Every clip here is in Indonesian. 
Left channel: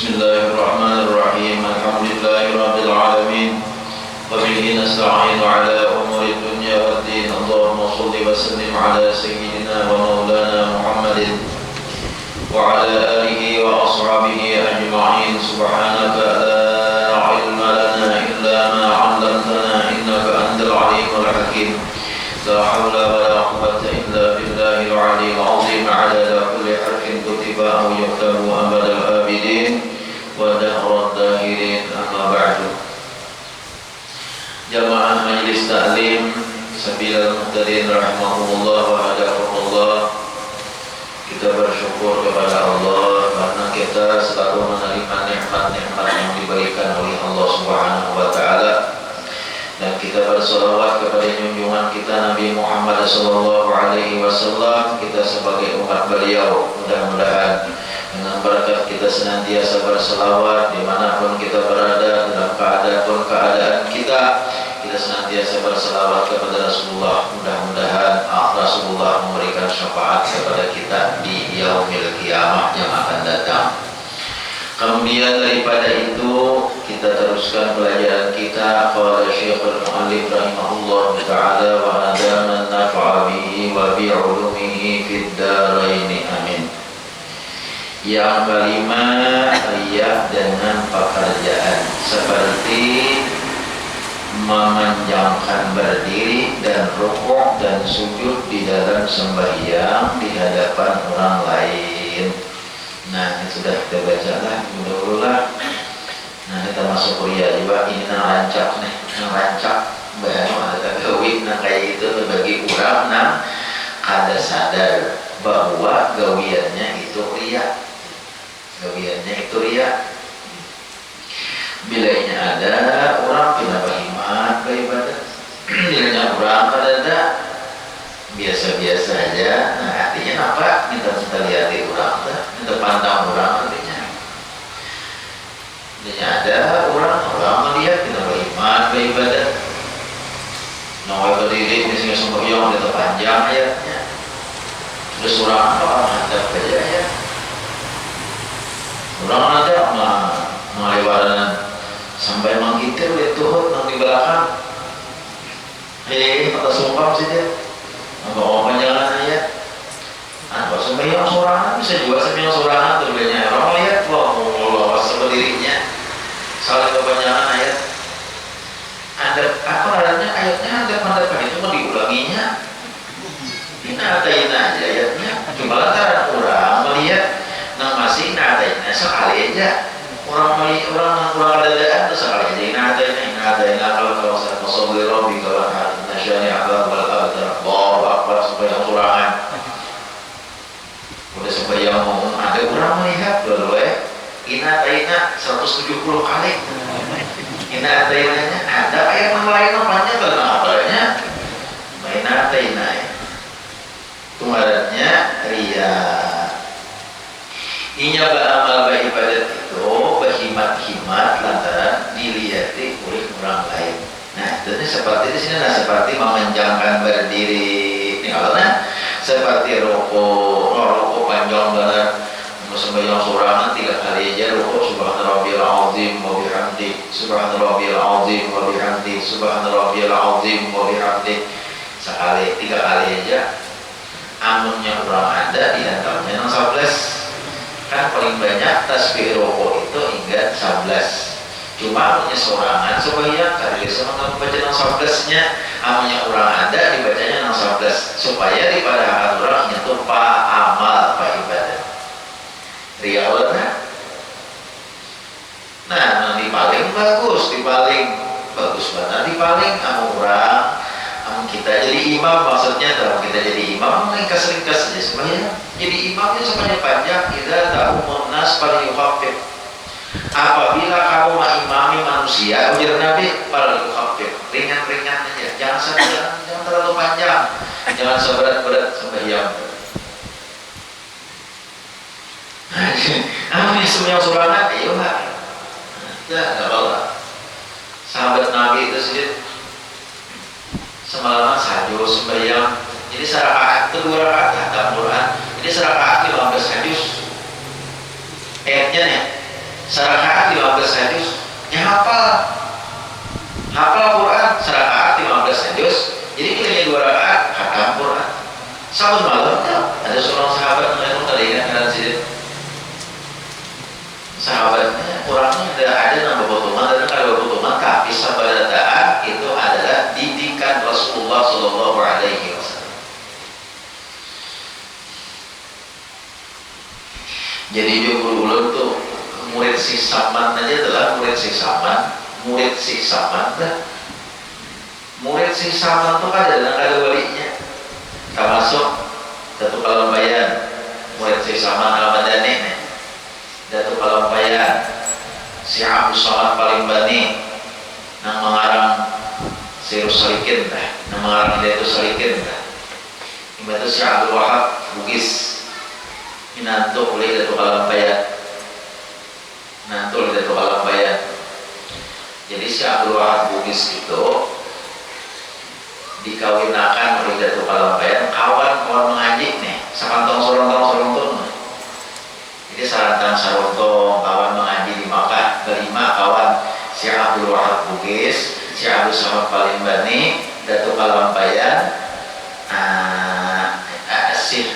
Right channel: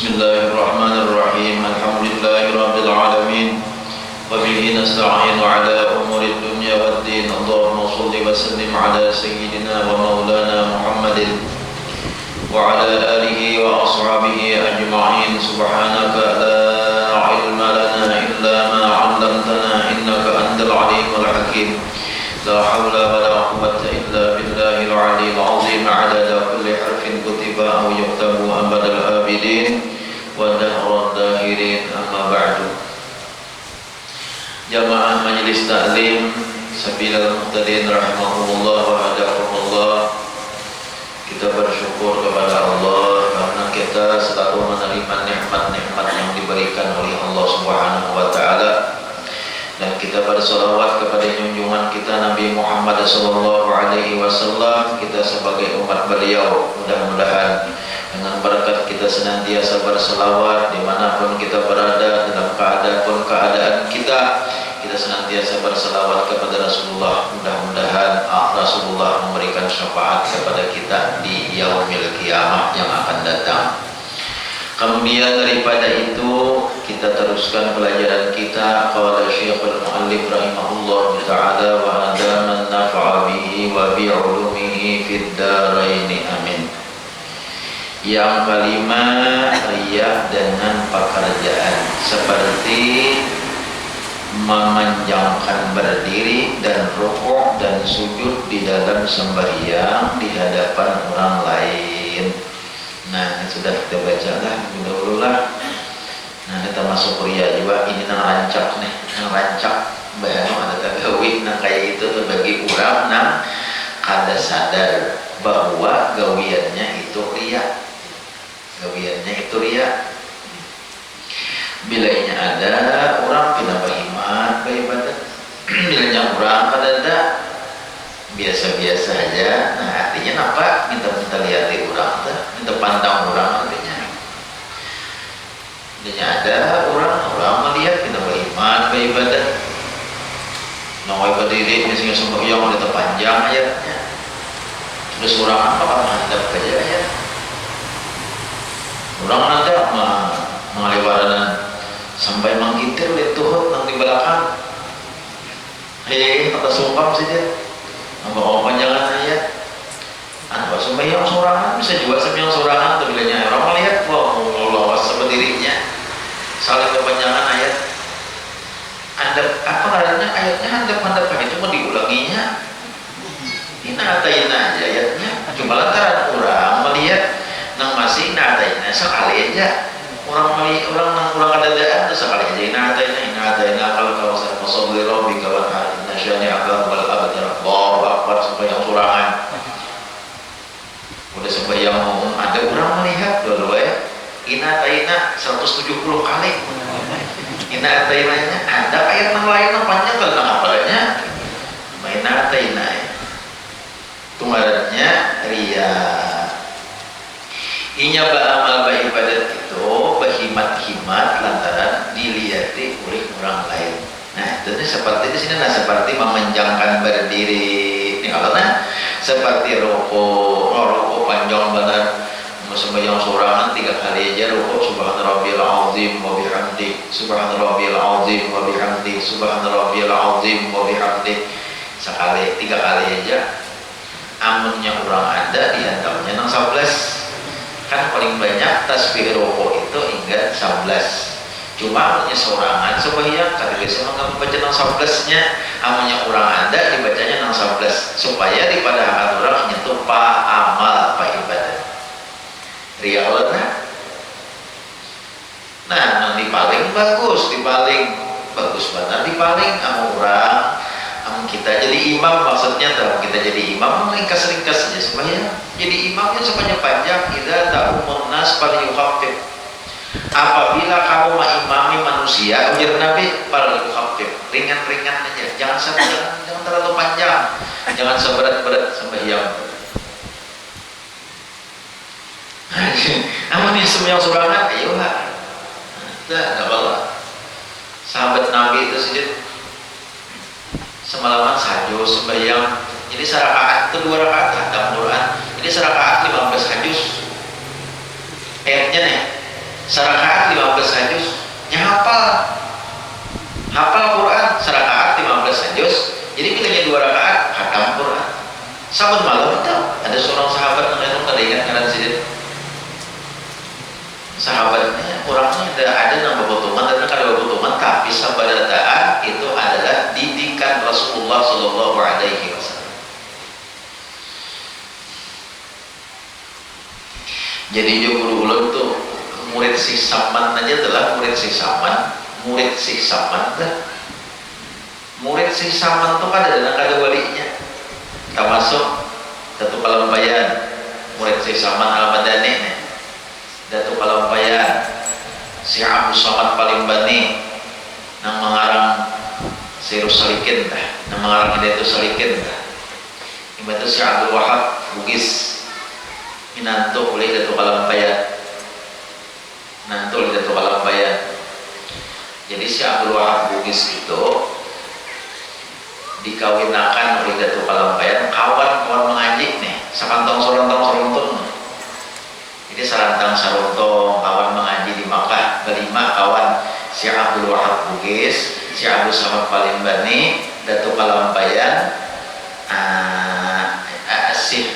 Bismillahirrahmanirrahim. Alhamdulillahirabbil alamin. Wa bihi nasta'inu ala umuri dunya waddin. Allahumma shalli wa sallim ala sayyidina wa maulana Muhammadin wa ala alihi wa ashabihi ajma'in. Subhanaka la ilma lana illa ma 'allamtana innaka antal alimul hakim. La hawla wa la quwwata illa billahil aliyyil 'azim. 'adada kulli harfin kutiba aw yuktabu abadal abidin wa dahra dahirin, amma ba'du. Jamaah Majelis Ta'lim Sabilal Muhtadin rahimahumullah wa hadakumullah, kita bersyukur kepada Allah karena kita selalu menerima nikmat-nikmat yang diberikan oleh Allah Subhanahu wa taala, dan kita berselawat kepada junjungan kita Nabi Muhammad sallallahu alaihi wasallam. Kita sebagai umat beliau, mudah-mudahan dengan berkat kita senantiasa berselawat dimanapun kita berada, dalam keadaan kita senantiasa berselawat kepada Rasulullah. Mudah-mudahan Rasulullah memberikan syafaat kepada kita di yaumil qiyamah yang akan datang. Kemudian daripada itu kita teruskan pelajaran kita. Qala Syekhul Mu'allif rahimahullah ta'ala wa adaman nafa'a bihi wa bi'ulumihi fid daraini, amin. Yang kelima, riya dengan pekerjaan seperti memanjangkan berdiri dan rukuk dan sujud di dalam sembahyang di hadapan orang lain. Nah, ini sudah kita baca lah dulu lah. Nah, kita masuk riya juga. Ini nang rancak nih, nang rancak bahwa ada gawin nang kayak gitu bagi orang nang kada sadar bahwa gawiannya itu riya. Gawiannya itu riya. Bilanya ada orang pindah berhimat beribadah, bilanya orang kada ada biasa-biasa aja. Nah, artinya apa? Minta lihat orang, minta pantang orang artinya. Bilanya ada orang melihat pindah berhimat beribadah, nawai berdiri misalnya sembahyang ada panjang ayatnya. Terus orang apa? Hadap aja ya. Orang ada mengaliwaran sampai menggitir lihat tuhut nang di belakang. Kata sumpah saja. Apa panjangan ayat. Apa sembahyang sorangan bisa juga sembahyang sorangan tuh bilanya. Orang melihat wah Allah seberdirinya. Saling kepanjangan ayat. Ada apa ayatnya? Ayatnya handap itu mau diulanginya. Ini aja ayatnya. Cuma lantaran orang melihat nang masih nadaina sekali aja. Orang kadadaan itu sekali aja. Nadaina kalau kawasan masobli robi kawan nasyani akal wal abdar. Allahu akbar sembahyang surangan. Udah sembahyang umum ada orang melihat dulu ya. Inataina 170 kali. Inatainanya ada ayat yang lain panjang tentang apanya. Inataina ya. Tumarannya riya. Inya beramal beribadat itu berhimat-himat lantaran dilihati oleh orang lain. Nah, itu seperti di sini seperti memanjangkan berdiri. Ini kalau seperti rukuk panjang benar. Sembahyang sorangan 3 kali aja rukuk subhanarabbiyal azim wa bihamdi, subhanarabbiyal azim wa bihamdi, subhanarabbiyal azim wa bihamdi. Sekali 3 kali aja. Amunnya orang ada di antaranya 11. Kan paling banyak tasbih rukuk itu hingga 11. Cuma amunnya sorangan supaya kali biasa membaca 11-nya, amunnya orang ada dibacanya 11 supaya daripada hal orang itu pak amal pak ibadah. Riya nah nanti paling bagus bagus banget. Nanti paling orang kita jadi imam, maksudnya dalam kita jadi imam ringkas-ringkas saja supaya jadi imamnya sepanjang panjang. Idza ta'umun nas falyukhaffif. Apabila kamu mengimami manusia, ujar Nabi, falyukhaffif, ringan-ringan aja, jangan terlalu panjang, jangan seberat-berat sembahyang. Amin semua surangan, ayo lah, nggak apa-apa. Sahabat Nabi itu sedikit semalaman sajus sembahyang. Jadi serakaat itu 2 rakaat dalam Quran. Jadi serakaat 15 hajus. Ayatnya nih, serakaat 15 hajus. Hafal Quran serakaat 15 hajus. Jadi pilihnya 2 rakaat khatam Quran. Sabun malam tuh ada seorang sahabat yang tadi kan karena sini sahabatnya orangnya ada nambah potongan dan kalau potongan tapi sabadataan itu adalah didikan Rasulullah Shallallahu Alaihi Wasallam. Jadi dulu tuh murid si Saman aja adalah murid si Saman dah. Murid si Saman tuh ada walinya, termasuk Datuk Palambayan, murid si Saman Al-Madani nih. Datuk Palambayan, si Abu Samad Palimbani, nang mengarang Sirus Salikin dah, nang mengarang itu Salikin dah. Ini itu si Abdul Wahab Bugis, minantu oleh Datuk Palambayan, Jadi si Abdul Wahab Bugis itu dikawinakan oleh Datuk Palambayan, kawan mengaji nih, sakantong sorontong. Jadi sarantang sarontong kawan mengaji di Makkah, kelima kawan si Abdul Wahab Bugis, si Abdul Samad Palimbani, Datuk Palambayan, si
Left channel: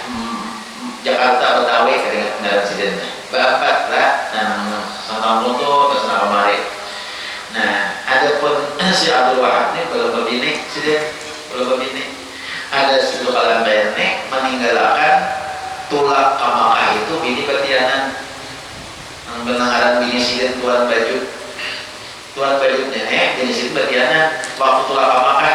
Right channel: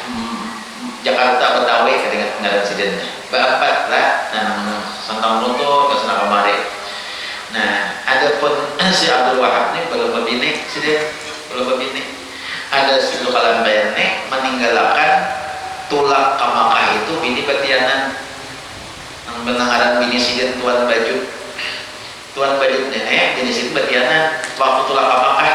Jakarta Betawi kedengar pensidennya. Bapak lah, santang luntur ke sana kemari. Nah, adapun si Abdul Wahab ini belum berbini, ada si Datuk Palambayan ini meninggalkan tulak ke Makkah itu bini batianan menangaran bini sidin Tuan Bajut nenek jenis itu batianan waktu tulak ke Makkah.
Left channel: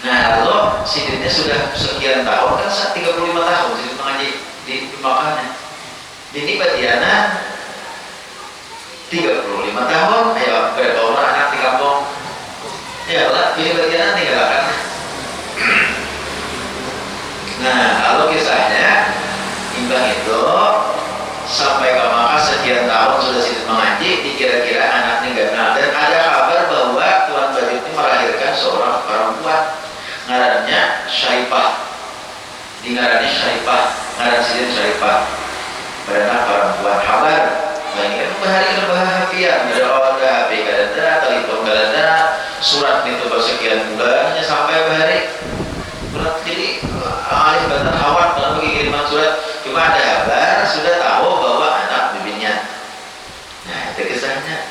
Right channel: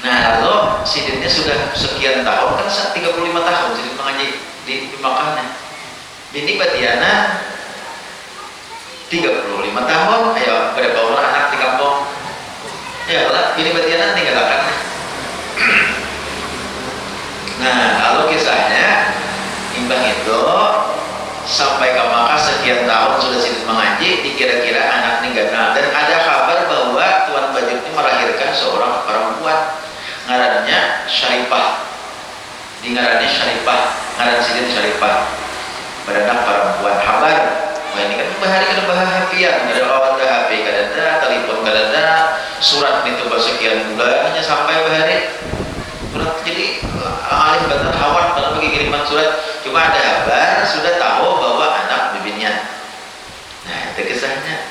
Nah lalu sidinnya sudah sekian tahun kan 35 tahun sidin mengaji di Makkah. Bini batianan 35 tahun, ayo berapa orang anak di kampung ya lah bini batianan tinggalkan. Nah, lalu kisahnya imbang itu sampai ke Makkah sekian tahun sudah sidin mengaji, dikira-kira anak ninggalkan dan ada kabar bahwa Tuan Bajut ini melahirkan seorang perempuan ngarannya Syarifah. Ngaran sidin Syarifah. Beranak perempuan habar. Nah, ini kan bahagia, ada orang ada HP, ada telepon, ada surat itu bersekian bulannya sampai bahari. Jadi alih bantar hawat kalau pergi kiriman surat, cuma ada kabar sudah tahu bahwa anak bibinya. Nah itu kisahnya.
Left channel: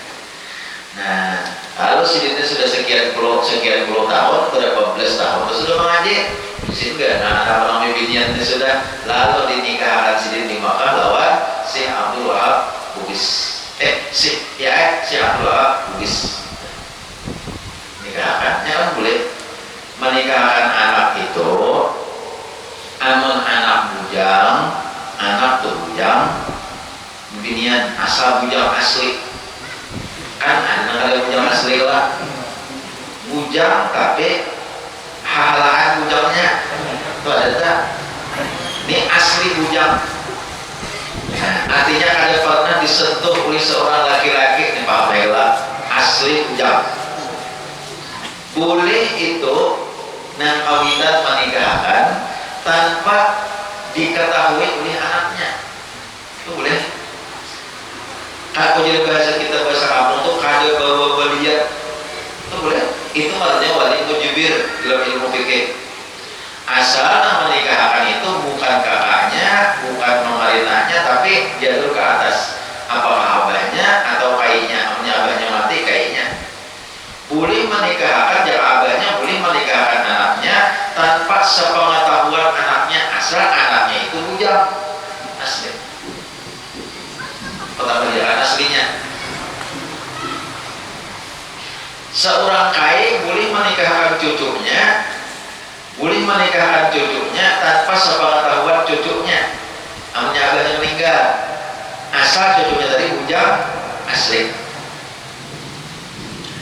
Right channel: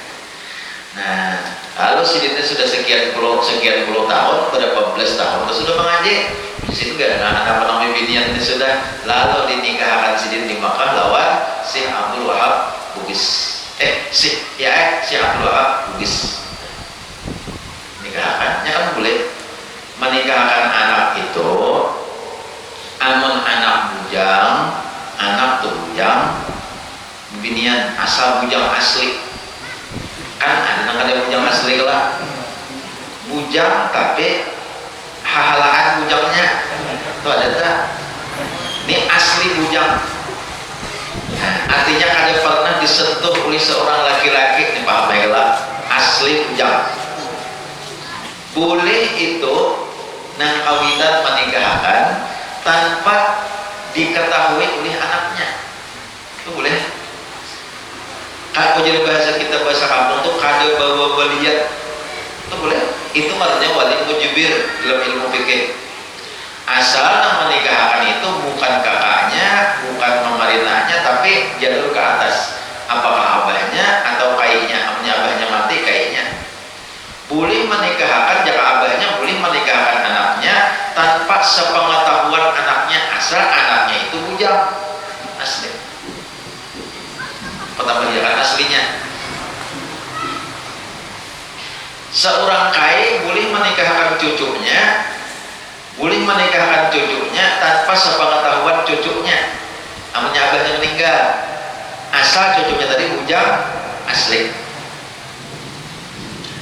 Nah lalu sidinnya sudah sekian puluh tahun, berapa belas tahun sudah mengaji. Di situ gak anak bibinya ini sudah lalu dinikahkan sidin di Makkah lawan si Abdul Wahab Bugis. Si Abdul Wahab Bugis nikahkannya kan boleh menikahkan anak itu. Amun anak bujang binian asal bujang asli kan ada bujang asli lah, bujang tapi halaan bujangnya itu ada tak? Ini asli bujang. Artinya ada pernah disentuh oleh seorang laki-laki nih Pak Mela, asli bujang. Boleh itu nang kawinan menikahkan tanpa diketahui oleh anaknya, itu boleh. Kalau jadi bahasa kampung tuh kada bawa balian, itu boleh. Itu maksudnya wali mujibir dalam ilmu fikih. Asal nang menikahkan itu bukan kakaknya, bukan memarinahnya, tapi jalur ke atas. Apakah abahnya atau kainya? Abahnya mati kainya. Boleh menikahkan jika abahnya, boleh menikahkan anaknya tanpa sepengetahuan anaknya, asal anaknya itu bujang asli. Pertama dia aslinya. Seorang kaya boleh menikahkan cucunya tanpa sepengetahuan cucunya. Namanya abahnya meninggal, asal cucunya tadi bujang asli.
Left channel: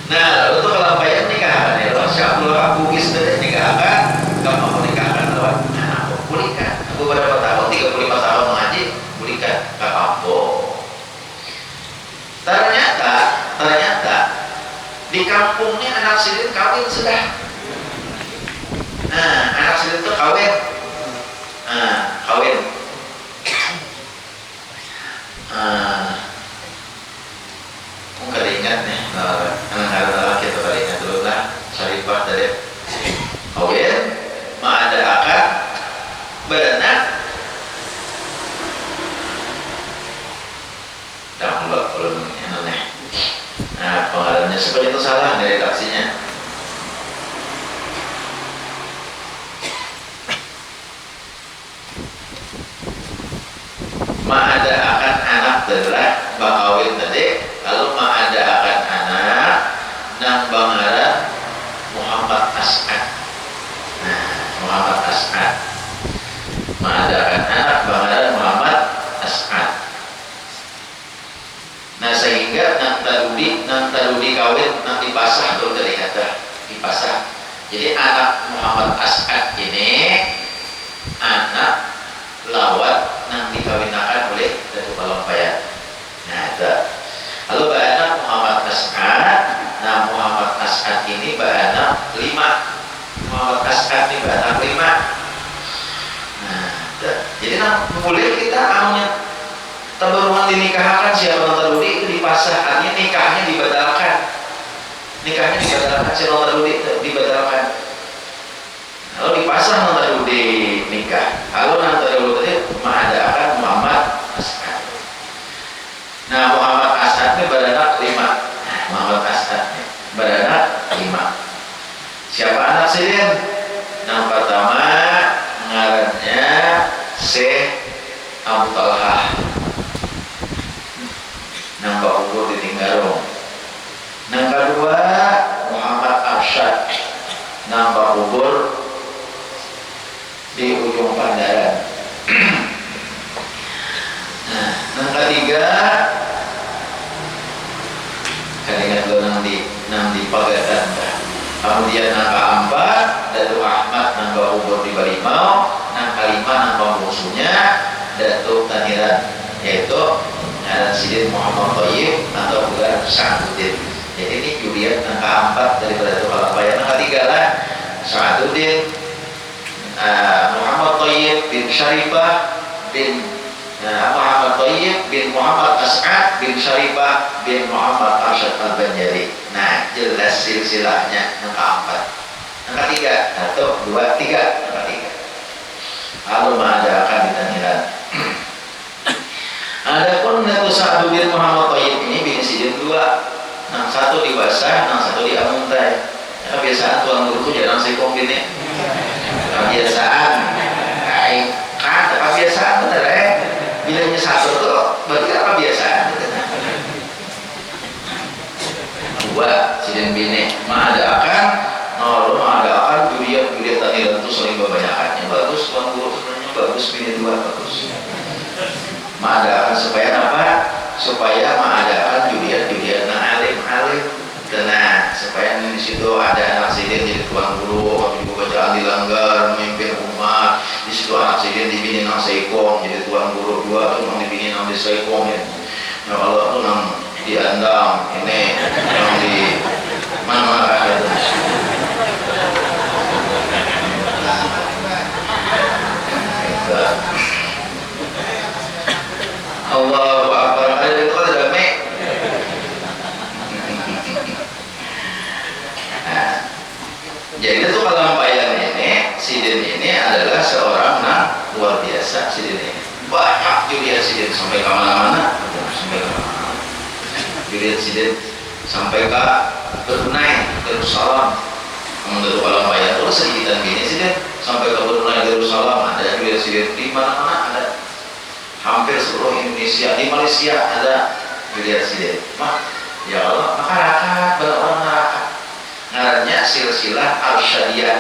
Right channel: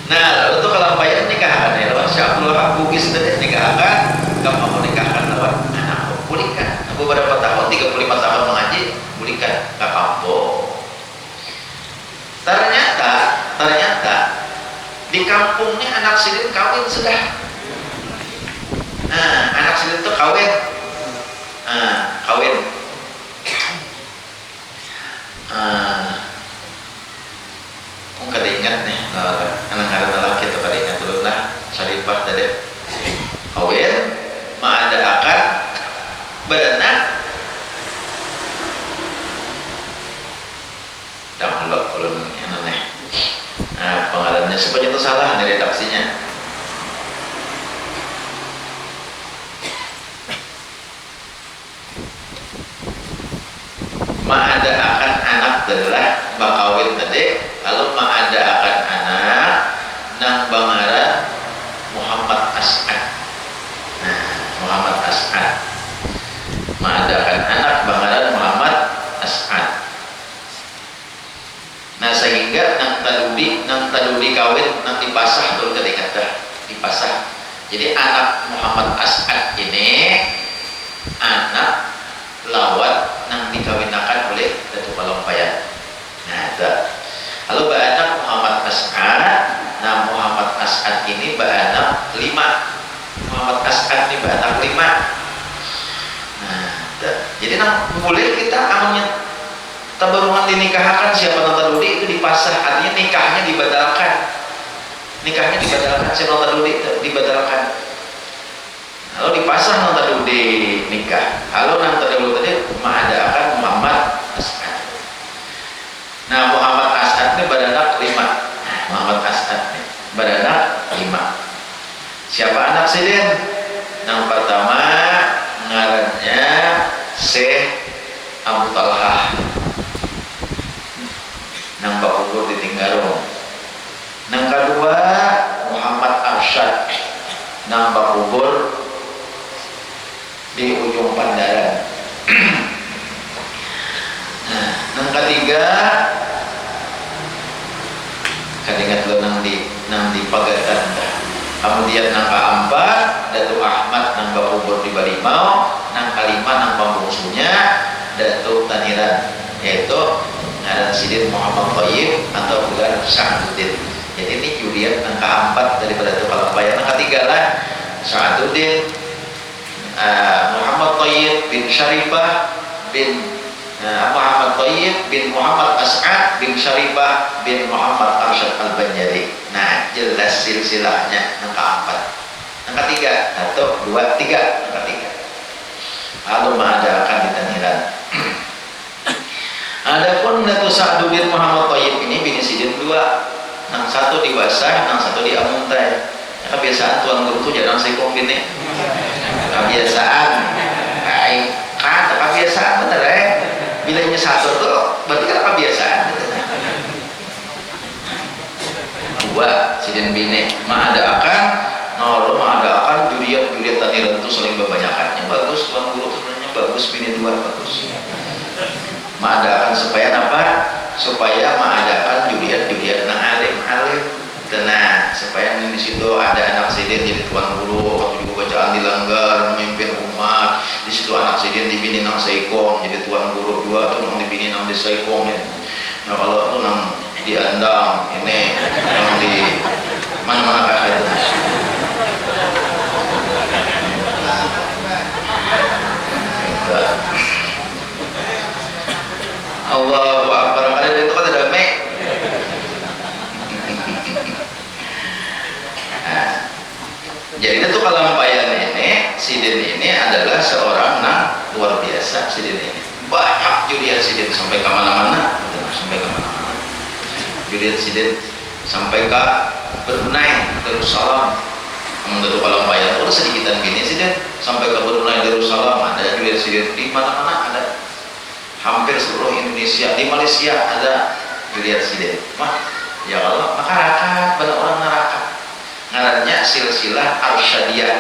Nah, lalu untuk kelampaian nikahan ya, Syabullah Bugis tadi nikahkan, kamu mau nikahkan lewat anak pulihkan. Beberapa tahun, 35 tahun mengaji, pulihkan, gak apa-apa. Ternyata di kampungnya anak sidin kawin sudah. Nah, anak sidin itu kawin. Kada ingat nih, anak-anak lelaki itu kada ingat dulu lah. Syarifah tadi kawin, mengadakan beranak. Dah mulai kalau aneh. Nah, pengalamannya seperti itu salah dari redaksinya. Mengadakan anak adalah bakawin tadi. Lalu mengadakan anak nang bangara Muhammad As'ad. Nah, Muhammad As'ad mengadakan anak bangara Muhammad As'ad. Nah, sehingga nang taludi kawin nang dipasah turun dari kata dipasah. Jadi anak Muhammad As'ad ini anak lawat nang dikawinakan oleh Datuk Palampayan. Nah, itu. Lalu beranak Muhammad As'ad. Nah, Muhammad As'ad ini beranak 5. Muhammad As'ad ini beranak 5. Nah, itu. Jadi boleh kita amanya tabaruman dinikahkan siapa nontaludi itu dipasah, artinya nikahnya dibatalkan. Siapa nontaludi itu dibatalkan. Lalu dipasah nontaludi nikah. Lalu nontaludi tadi mengadakan Muhammad As'ad. Nah, Muhammad As'ad ini beranak 5. Muhammad As'ad ini beranak 5. Siapa anak sidin? Yang pertama ngarannya Syekh Abu Talhah. Nang Bakugur di Tinggarong. Nang kedua Muhammad Arsyad. Nang Bakugur di ujung Pandaran. Nah, nang ketiga kadingat lo nang di Pagatan. Kemudian nang keempat Datuk Ahmad nang Bakugur di Balimau. Nang kelima nang pembungsunya Datuk Taniran, yaitu ngaran sidin Muhammad Thayyib atau bukan Sa'aduddin. Jadi ini Julian nang keempat daripada Datuk Palampayan. Nang ketiga lah Sa'aduddin, Muhammad Thayyib bin Syarifah bin Muhammad Thayyib bin Muhammad As'ad bin Syarifah bin Muhammad Arsyad Al-Banjari. Nah, jelas silsilahnya yang keempat. Yang ketiga, 1, 2, 3, yang ketiga. Lalu mengadakan di Taniran. Adapun Datuk Sa'aduddin Muhammad Thayyib ini bini sidin 2. Yang satu di Basah, yang satu di Amuntai. Kebiasaan tuan guru itu jarang sekong bini. Kebiasaan. Kebiasaan bener ya. Bilanya satu tuh berarti kan kebiasaan. 2 sidin bini mengadakan Juliet Taniran itu saling kebanyakannya bagus. Tuan guru sebenarnya bagus, bini 2 bagus. Mengadakan supaya apa? Supaya mengadakan Juliet nang alim. Tenang, supaya di situ ada anak sidin jadi tuan guru, waktu juga bacaan dilanggar, memimpin umat. Di situ anak sidin dibini nang seikong, jadi tuan guru 2 tuh nang dibini nang di seikong ya. Nah, kalau tuh nang di Andang ini nang di mana-mana ada. Allahu Akbar. Ada itu kan ada me. Jadi itu Palampayan ini, sidin ini adalah seorang luar biasa sidin ini. Banyak Julian sidin sampai ke mana-mana, Julian sidin sampai ke Brunei, Darussalam. Menurut Palampayan itu sedikitan gini sidin sampai ke Brunei, Darussalam ada Julian sidin di mana-mana ada. Hampir seluruh Indonesia, di Malaysia ada Julian sidin. Ya Allah, masyarakat banyak orang neraka. silsilah arsyadiyah.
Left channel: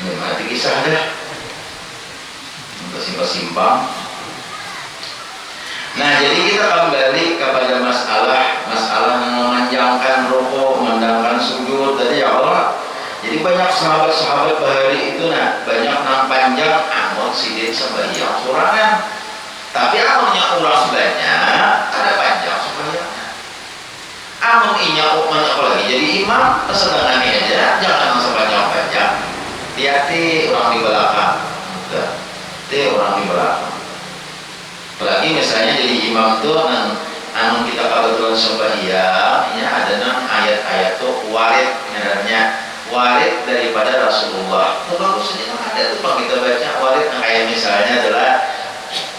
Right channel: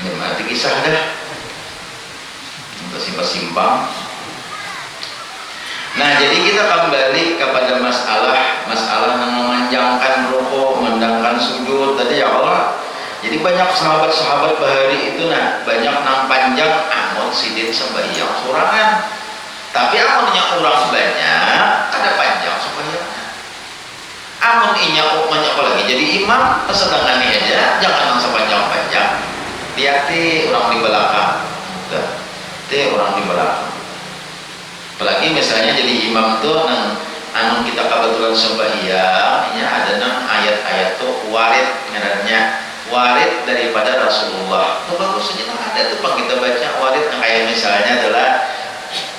Ini mati kisah dah. Simpang. Nah, jadi kita kembali kepada masalah memanjangkan rukuk, mendangkan sujud tadi ya Allah. Jadi banyak sahabat-sahabat bahari itu banyak nang panjang amun sidin sembahyang sorangan. Tapi amunnya orang banyak ada panjang sembahyangnya. Amun inya banyak lagi jadi imam kesenangannya aja, jangan sepanjang-panjang. Hati-hati orang di belakang. Orang di belakang. Apalagi misalnya jadi imam tuh anu kita kebetulan sembahyang, ya ada ayat-ayat tuh warid ngarannya warid daripada Rasulullah. Tuh bagus saja ada tuh Pak kita baca warid kayak misalnya adalah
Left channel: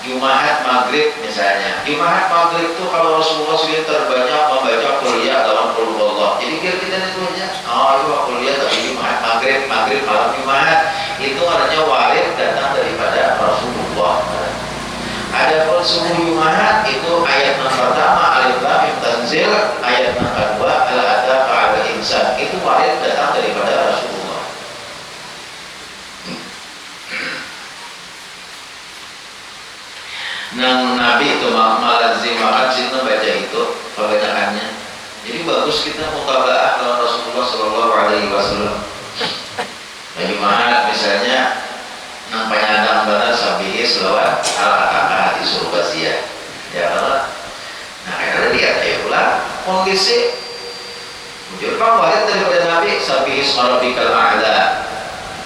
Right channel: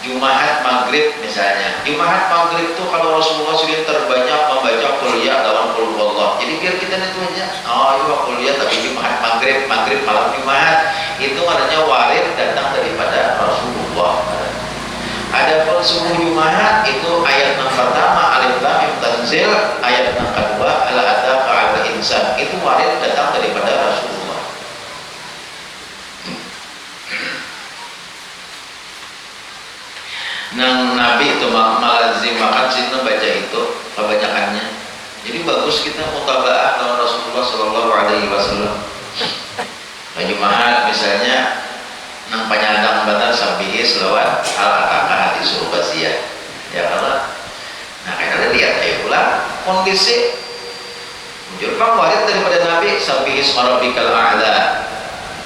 Jumat Maghrib misalnya. Jumat Maghrib tuh kalau Rasulullah sudah terbanyak membaca kuliah dalam qul huwallah. Jadi biar kita itu aja. Oh iya kuliah tapi Jumat Maghrib malam Jumat itu artinya warid datang daripada Rasulullah. Adapun subuh Jumat itu ayat yang pertama alif lam mim tanzil, ayat yang kedua ala ataqa al insan itu warid datang daripada Rasulullah. Nang Nabi itu malazim makadzin baca itu kebanyakannya. Jadi bagus kita mutabaah dengan Rasulullah Shallallahu Alaihi Wasallam. Nah, Jumat misalnya nang penyandang batas sabihi selawat al-ataka hati suruh basia ya Allah. Nah karena lihat ayo pulang kondisi muncul warid daripada Nabi sabihi ismarabikal a'la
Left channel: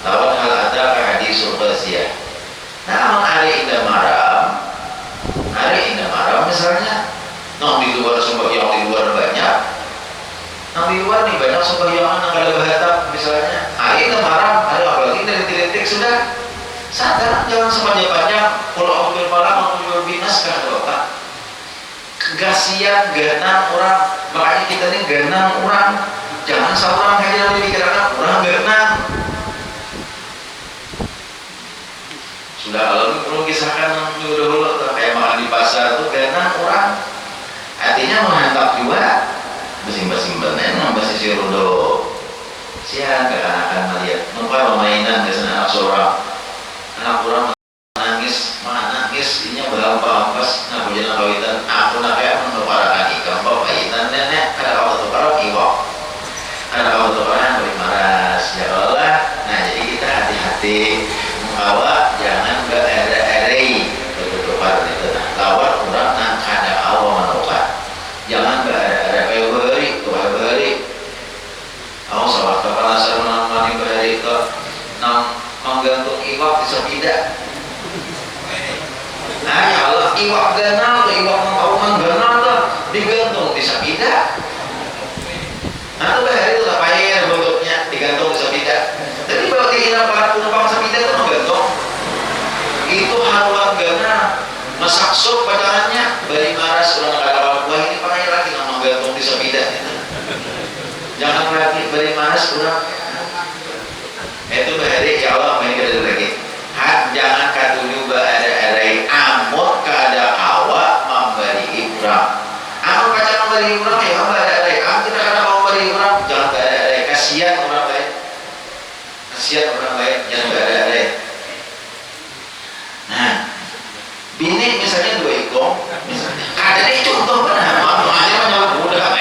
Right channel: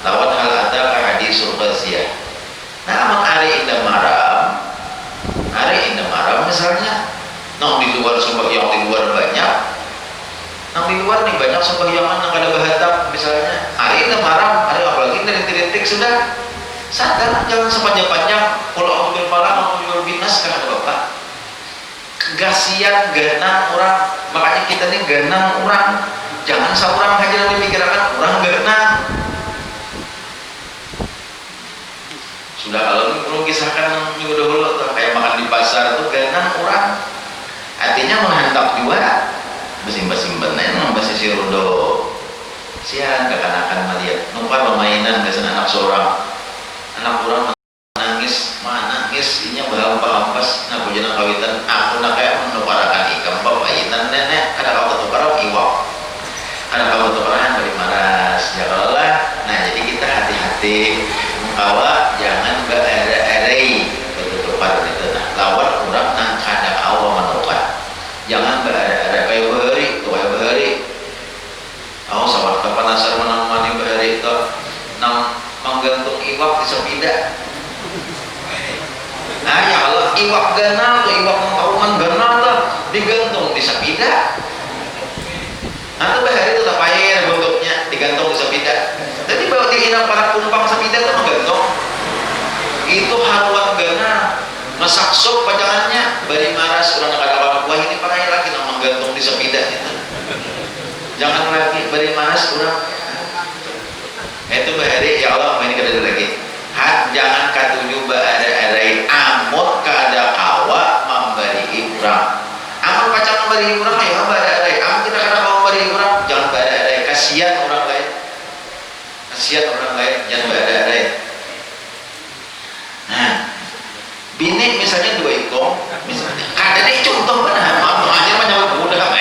lawat al-ataka hati suruh basia. Nah aman hari indah maram misalnya nang di luar sembahyang di luar banyak nang di luar nih banyak sembahyangan nang kada bahatam misalnya hari indah maram hari apalagi dari titik sudah sadar jangan sepanjang-panjang kalau aku berpalang aku berbinas kan Bapak kegasian ganang orang makanya kita ini ganang orang jangan seorang aja yang dipikirkan orang ganang sudah kalau ini perlu kisahkan dulu kayak makan di pasar tuh ganang orang artinya menghantam juga besimpan masih si rondo sian kekanakan melihat numpah permainan biasanya anak seorang anak orang menangis inya berhampas nah bujana kawitan aku nak kayak menuparakan ikam pemainan nenek ada kau tukaran iwak ada kau tukaran beri maras ya Allah. Nah jadi kita hati-hati mengkawa jangan bererai bertukar itu lawan orang nang kada awal menukar jangan bererai kayak behari aku sama kepanasan menang behari itu nang menggantung iwak di sepeda. Nah ya Allah iwak ganal tuh iwak mengkauman ganal tuh digantung di sepeda. Nah itu bahari itu tak payah bentuknya digantung di sepeda. Jadi bawa diinap para penumpang sepeda itu menggantung. Itu haluan ganal masak sop pacangannya bari maras orang kata wah ini pakai lagi nang menggantung di sepeda. Jangan lagi bari maras orang itu bahari ya Allah main kita lagi jangan katuju ada amot kada kawa memberi ibrah amot pacar memberi ibrah ya ada amot kita kada mau memberi ibrah jangan ada kasihan orang lain jangan ada. Nah bini misalnya dua ikong misalnya ada nih contoh benar makanya menyebut mudah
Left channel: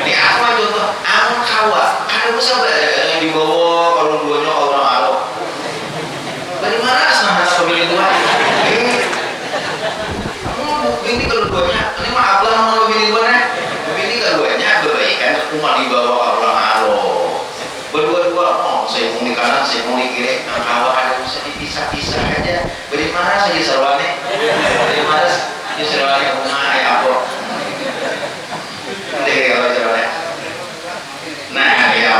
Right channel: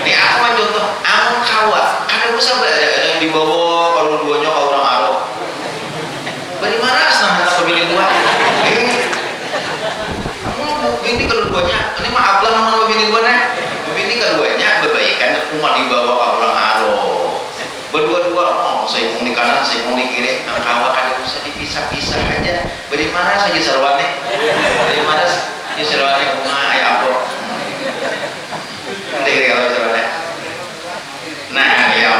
ini aku mah contoh amot kawa ada bisa ada di bawah kalau duanya kalau orang Arab bari maras nah tak pilih dua ini kalau duanya ini mah ablah mau pilih duanya ini keduanya berbaikan umat di bawah orang Arab berdua-dua saya mau di kanan saya mau di kiri nah kawan ada bisa dipisah-pisah aja bari maras aja sarwane bari maras aja sarwane bunga ayah apa nanti kalau sarwane nah ya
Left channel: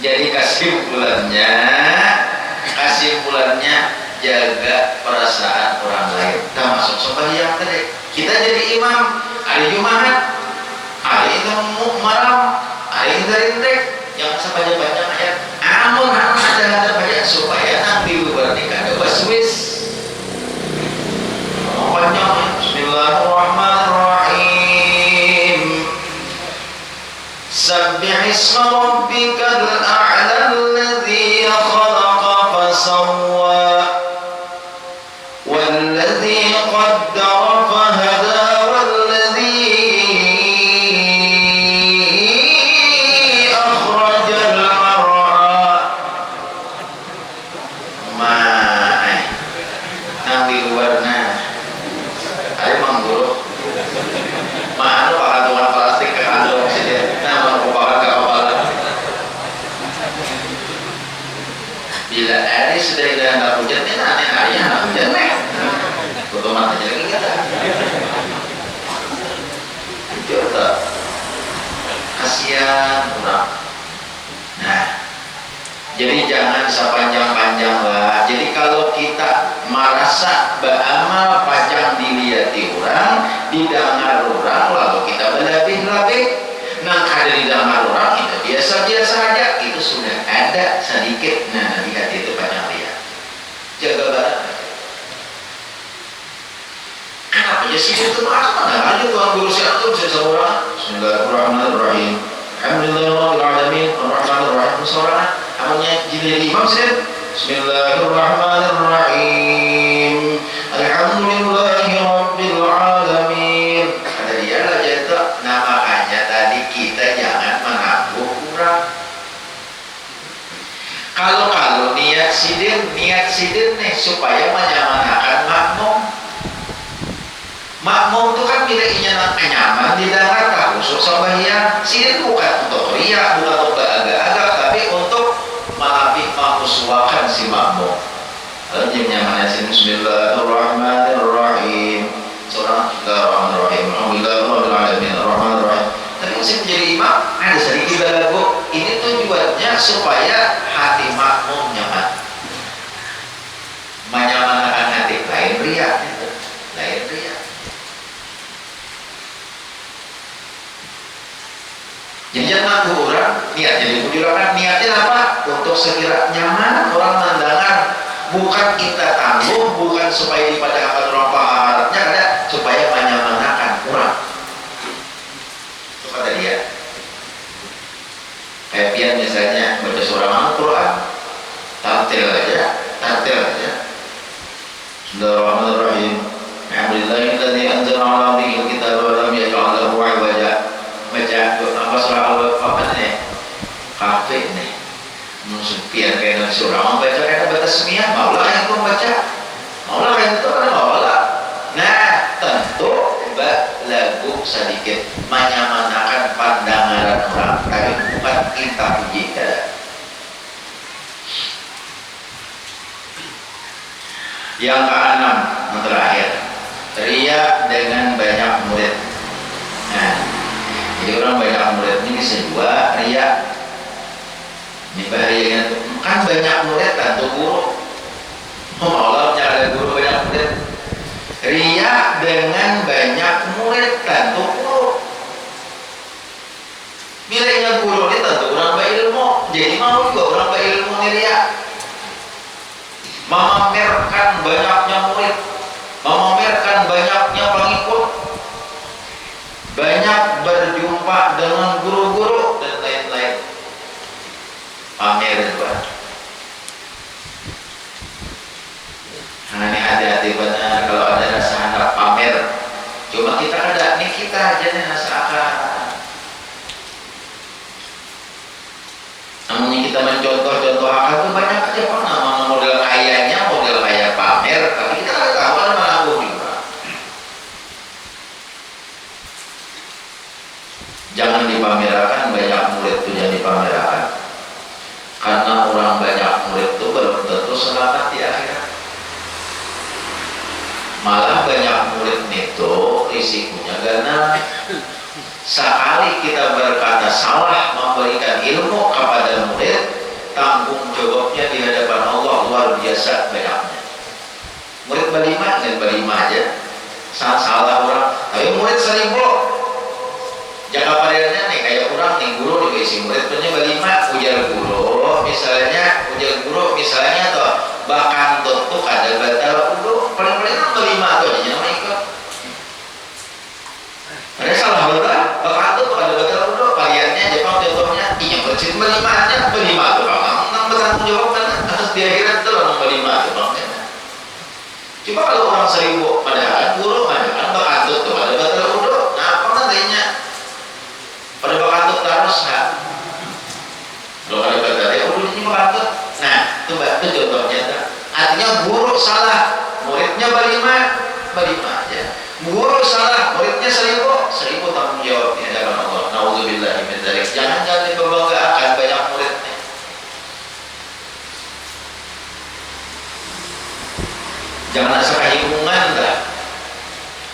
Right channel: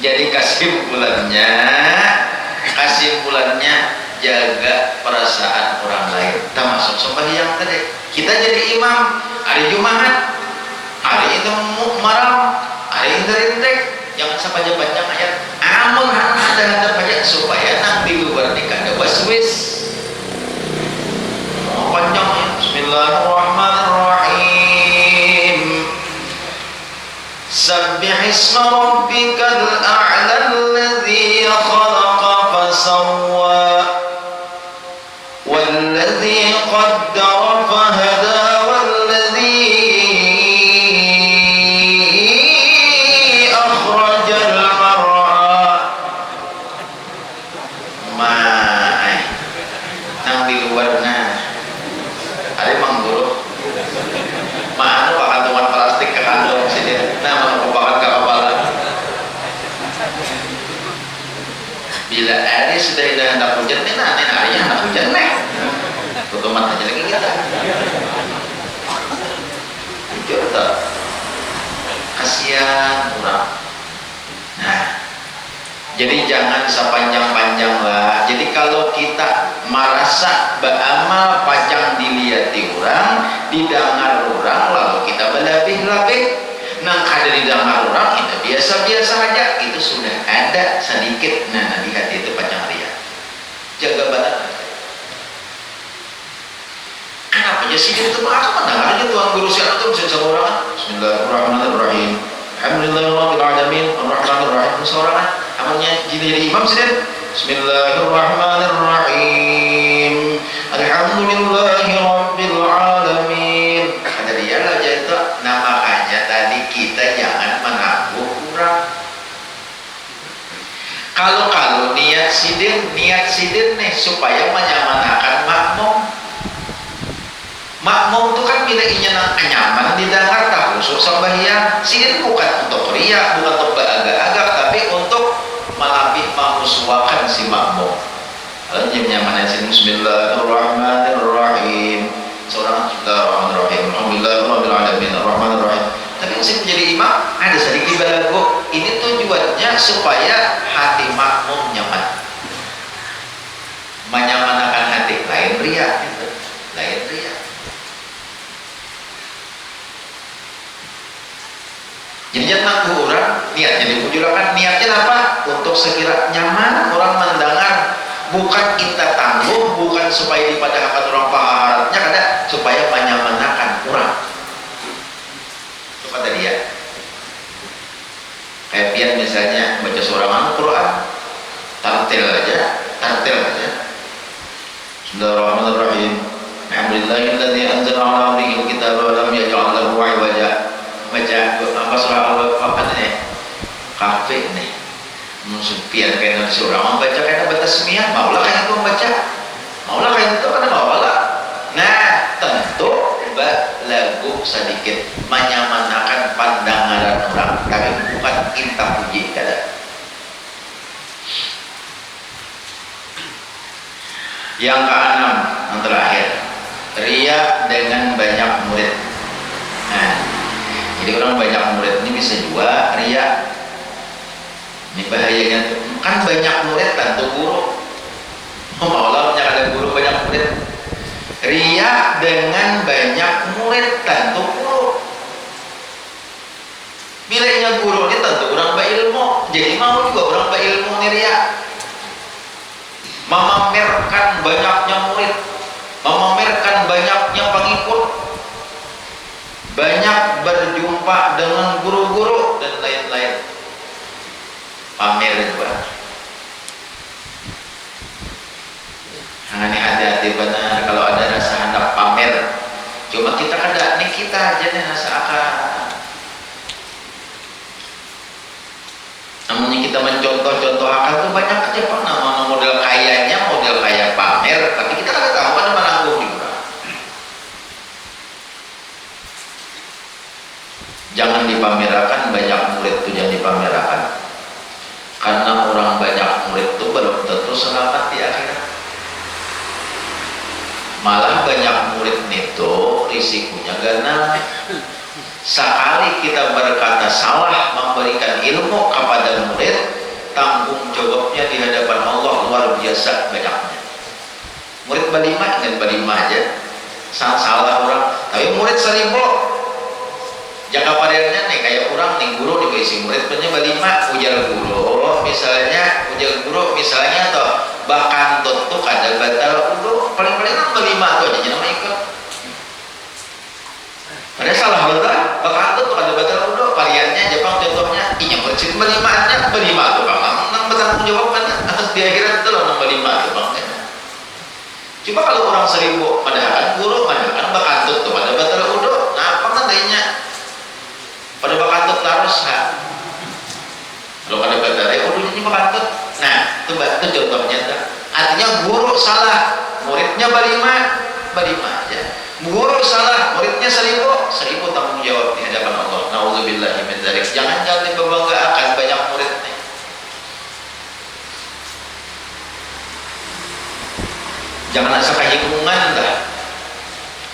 jadi kesimpulannya jaga perasaan orang lain termasuk sembahyang tadi kita jadi imam hari Jumat hari itu maram hari itu rintek jangan sepanjang-panjang ayat amun ada banyak supaya nang di luar nikah ada waswis panjang Bismillahirrahmanirrahim isma rabbikal a'la alladzi khalaqa fasawwa walladzi qaddara fahada walladzi akhrajal mar'a. Nang di luar ada mangguru mana pakantungan plastik ke kandung sini nah merupakan keapalan bila ada sudah ada anak hujan ini aneh ayah anak hujan tutup mata aja lagi kita coba kasihan kurang. Nah jadi jangan sepanjang-panjang lah. Jadi kalau kita merasa beramal panjang dilihat orang, didengar orang, lalu kita berlebih-lebih, nang ada didengar orang itu biasa-biasa aja, itu sudah ada sedikit. Nah lihat itu panjang lihat. Jaga badan. Kenapa ya sih itu mana aja Tuhan guru siapa tuh bisa sama orang? Bismillahirrahmanirrahim. Alhamdulillahirrahmanirrahim. Ar-Rahmanirrahim. Seorang namanya jadi imam sih. Bismillahirrahmanirrahim. Alhamdulillahirabbil alamin. Ada dia lah jadi namanya tadi kita jangan menangguh kurang. Kalau niat sidin nih supaya menyamanakan makmum. Makmum itu kan bila ingin nyaman didengar tak khusus sembahyang. Sidin bukan untuk riak, bukan untuk agak-agak, tapi untuk melapih mengusuakan si makmum. Lalu nyamannya sini Bismillahirrahmanirrahim. Seorang Bismillahirrahmanirrahim. Alhamdulillahirabbil alamin arrahmanirrahim. Tapi musim menjadi imam ada sedikit balago. Ini tujuannya supaya hati makmum nyaman. Menyamanakan hati lain riak itu. Lain riak. Jadi jangan nanggu orang niatnya dimujurkan niatnya apa? Untuk sekira nyaman orang mendengar, bukan kita tangguh, bukan supaya dipadahkan orang paharatnya, ada supaya menyamanakan orang. Itu kata dia. Kayak pian misalnya baca surah Al-Quran, tartil aja. Bismillahirrahmanirrahim. Alhamdulillahilladzi anzala 'ala 'abdihi al-kitaba wa lam yaj'al lahu 'iwaja. Baca apa surah apa nih kafe nih musupian kayak surah mau baca kayak batas semia maulah kayak itu membaca maulah kayak itu karena maulah. Nah tentu lagu sedikit menyamanakan pandangan orang tapi bukan kita puji kada. Yang keenam yang terakhir riya dengan banyak murid. Nah jadi orang banyak murid ini bisa juga riya. Ini bahayanya tuh. Kan banyak murid tentu guru. Allah punya ada guru banyak murid. Riya dengan banyak murid tentu guru. Bilanya guru ini tentu orang berilmu. Jadi mau juga orang berilmu ini riya. Memamerkan banyaknya murid, memamerkan banyaknya pengikut, banyak berjumpa dengan guru-guru dan lain-lain. Pamer juga. Nah ini hati-hati benar kalau ada rasa hendak pamer. Cuma kita ada nih kita aja nih rasa akan. Namun kita mencontoh-contoh akal itu banyak aja pak. Nama model kayanya model kaya pamer, tapi kita kan tahu ada menanggung juga. Jangan dipamerkan banyak murid itu jangan dipamerkan. Karena orang banyak murid itu belum tentu selamat di akhirat. Malah banyak murid itu risikonya karena sekali kita berkata salah memberikan ilmu kepada murid, tanggung jawabnya di hadapan Allah luar biasa banyaknya. Murid berlima dan berlima aja salah orang, tapi murid 1000 jangka panjangnya nih kayak orang nih guru nih isi murid punya berlima ujar guru misalnya toh bahkan tutup ada batal udah paling-paling kan berlima tuh aja nama ikut. Ada salah betul bahkan tutup ada batal udah variannya Jepang contohnya melimaannya melima tuh bang, nang bertanggung jawab kan harus di akhirat itu loh nang melima tuh bang. Coba kalau orang 1000 padahal guru padahal bakantut tuh pada batal udah, nah apa nantinya pada bakantut terus kan? Kalau ada batalnya udah ini bakantut, nah itu contohnya tuh. Artinya guru salah, muridnya berlima aja. Guru salah, muridnya 1000 tanggung jawab di hadapan Allah. Nauzubillahi min dzalik. Jangan dibanggakan banyak muridnya. Jangan asal kehitungan dah.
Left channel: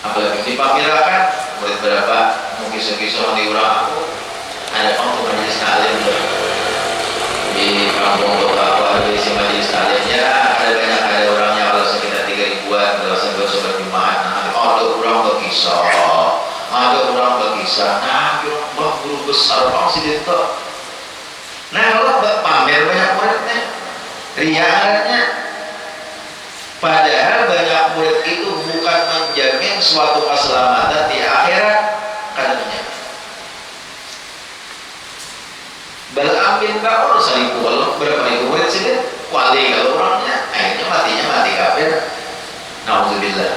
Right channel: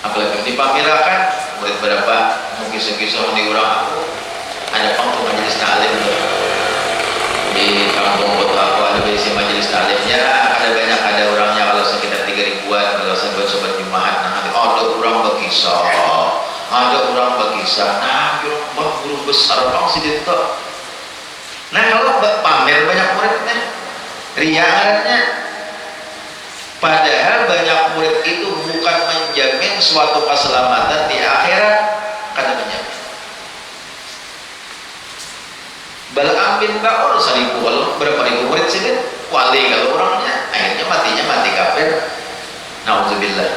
Apalagi dipamirakan murid berapa, mau kisah-kisah di orang aku. Ada panggung majelis taklim tuh. Di kampung kota aku ada isi majelis taklimnya, ada orangnya kalau sekitar 3000-an, kalau sobat Jumat, nah ada orang berkisah, nah guru besar bang si Dito. Nah kalau pamer banyak muridnya, riaknya. Padahal banyak murid itu bukan menjamin suatu keselamatan di akhirat, kan menjamin. Bal'am bin Ba'ur 1000 kalau berapa ribu murid sih kan? Wali kalau orangnya akhirnya mati kafir. Nauzubillah.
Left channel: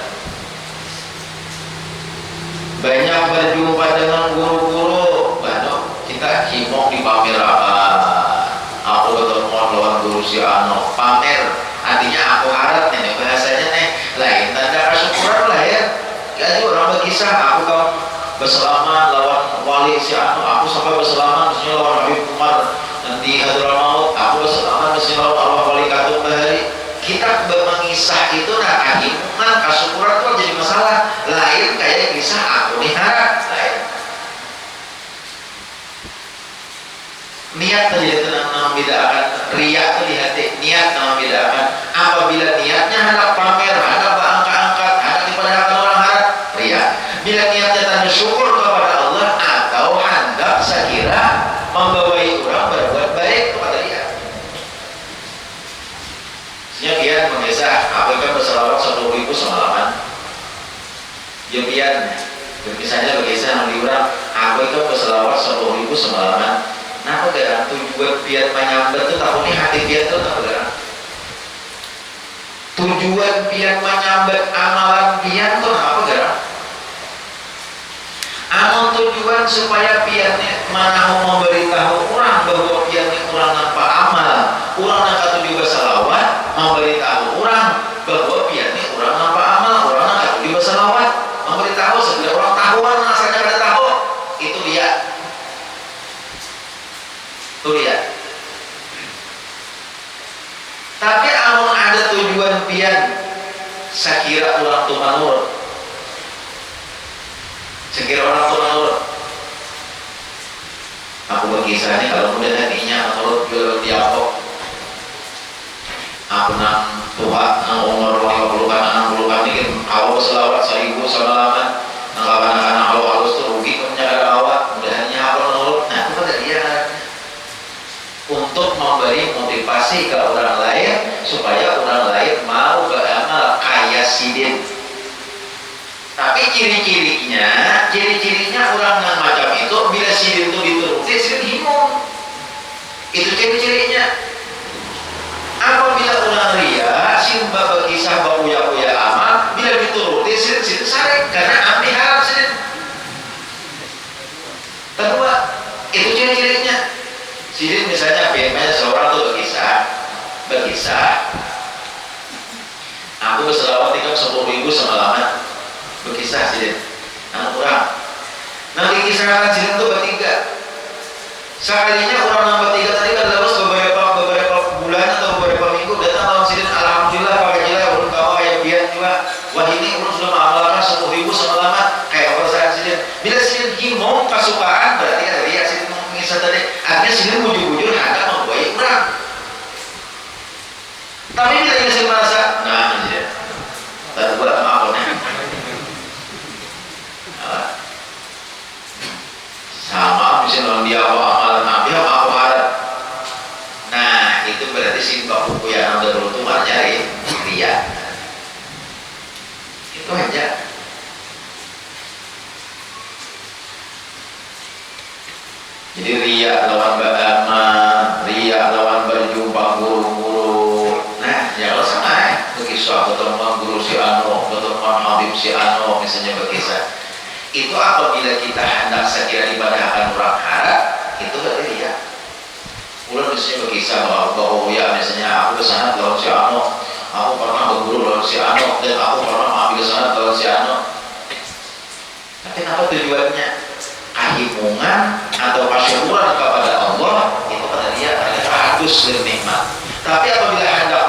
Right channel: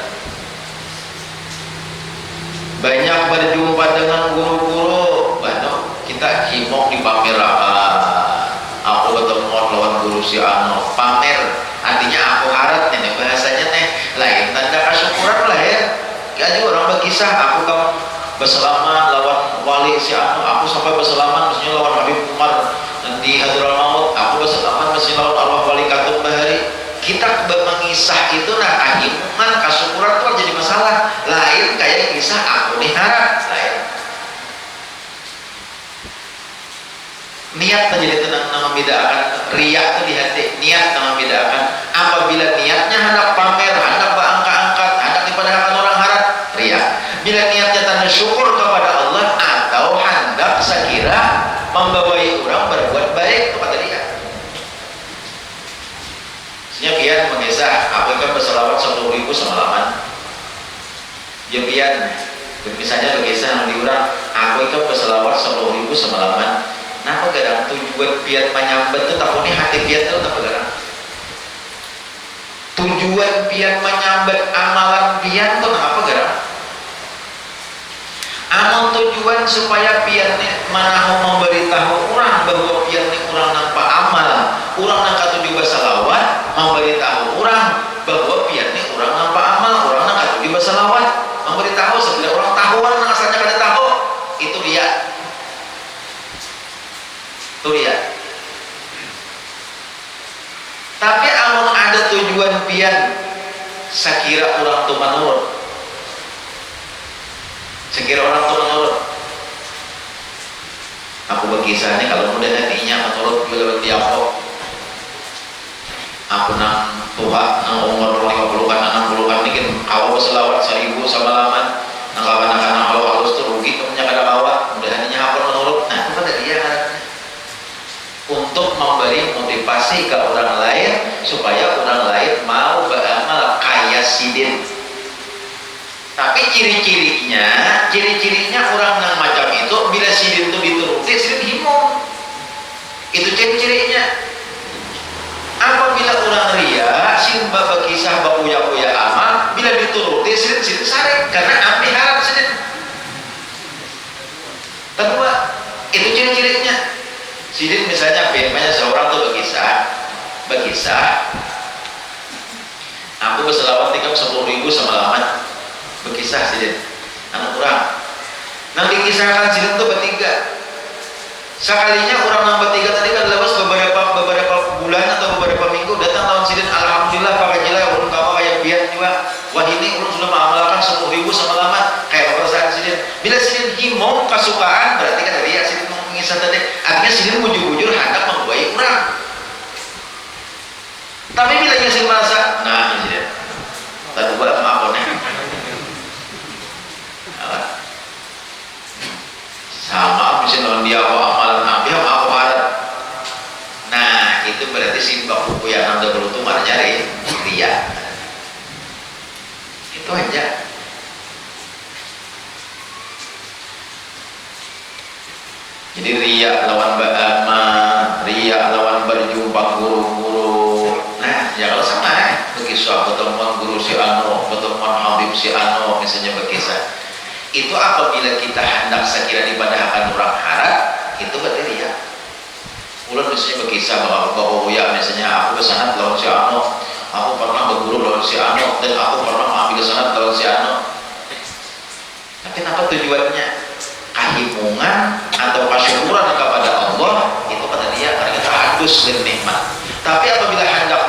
Banyak berjumpa dengan guru-guru, kita himok di pamerakan. Aku ketemu lawan guru si Ano, pamer. Artinya aku harap nih bahasanya nih lain tanda kesyukuran lah ya. Jadi orang berkisah aku kamu berselamat lawan wali si Ano, aku sampai berselamat mestinya lawan Habib Umar nanti Hadramaut, aku berselamat mestinya lawan Allah Wali Katum Bahari. Kita mengisah itu nah kehimungan kesyukuran itu jadi masalah lain kayak kisah aku nih harap lain. Niat menjadi tenang membedakan riak itu di hati, niat membedakan. Apabila niatnya hendak pamer, hendak berangkat-angkat, hendak dipadahkan orang harap, riak. Bila niatnya tanda syukur kepada Allah atau hendak sekira membawai orang berbuat baik kepada dia. Sebenarnya pian mengisah, aku kan berselawat 10.000 semalaman. Ya pian, misalnya berkisah di orang, aku kan berselawat 10.000 semalaman. Nah, apa garang tujuan biar menyambat itu tak punya hati biar itu tak garang. Tujuan biar menyambat amalan biar itu apa garang? Amal tujuan supaya biarnya mana memberitahu orang bahwa biarnya orang nampak amal, orang nak tujuh bersalawat memberitahu orang bahwa biarnya orang nampak amal, orang nak tujuh bersalawat memberitahu sebelum orang tahuan asalnya kada tahu itu dia. Tuh lihat. Tapi amun ada tujuan pian sekira orang tu manurut. Sekira orang tu manurut. Aku berkisah ni kalau mudah hatinya menurut jual tiapok. Aku nang Tuhan nang umur 50-an 60-an ni kan awal selawat 1000 semalaman. Nang kawan-kawan halus tu rugi punya kada awak. Mudah hatinya aku menurut. Nah, itu pada dia untuk memberi motivasi ke orang lain supaya orang lain mau beramal kayak sidin. Tapi ciri-cirinya orang yang macam itu bila sidin itu dituruti, sidin himung. Itu ciri-cirinya. Apabila orang ria, sidin bapa kisah bakuya-kuya amal, bila dituruti sidin sarek karena ambil harap sidin. Kedua, itu ciri-cirinya. Sidin misalnya biasanya seorang tuh berkisah aku berselawat tinggal 10.000 semalaman berkisah sidin anak orang nanti kisahkan sidin tuh bertiga sekalinya orang yang bertiga tadi kan lepas beberapa bulan atau beberapa minggu datang lawan sidin alhamdulillah pakai jila urun kawa kayak biar juga wah ini urun sudah mengamalkan 10.000 semalaman kayak perasaan sidin bila sidin himong kesukaan berarti kan dari ya sidin mengisah tadi akhirnya sidin bujur-bujur hendak membuai orang. Tapi bila ingin sidin merasa nah ini tadi buat maafnya sama misalnya dia amalan nabi aku harap. Nah itu berarti simbah buku yang anda beruntung nyari dia itu aja. Jadi riya lawan ba'ama manusia lawan berjumpa guru-guru. Nah, ya kalau sama berkisah pertemuan guru si Ano, pertemuan Habib si Ano, misalnya berkisah. Itu apabila kita hendak sekira dipadahkan orang harap, itu berarti dia. Ulang misalnya berkisah bahwa ya misalnya aku kesana lawan si Ano, aku pernah berguru lawan si Ano, dan aku pernah mengambil kesana lawan si Ano. Tapi kenapa tujuannya? Kehimungan atau kesyukuran kepada Allah, itu kata dia mereka hadus dan nikmat. Tapi apabila hendak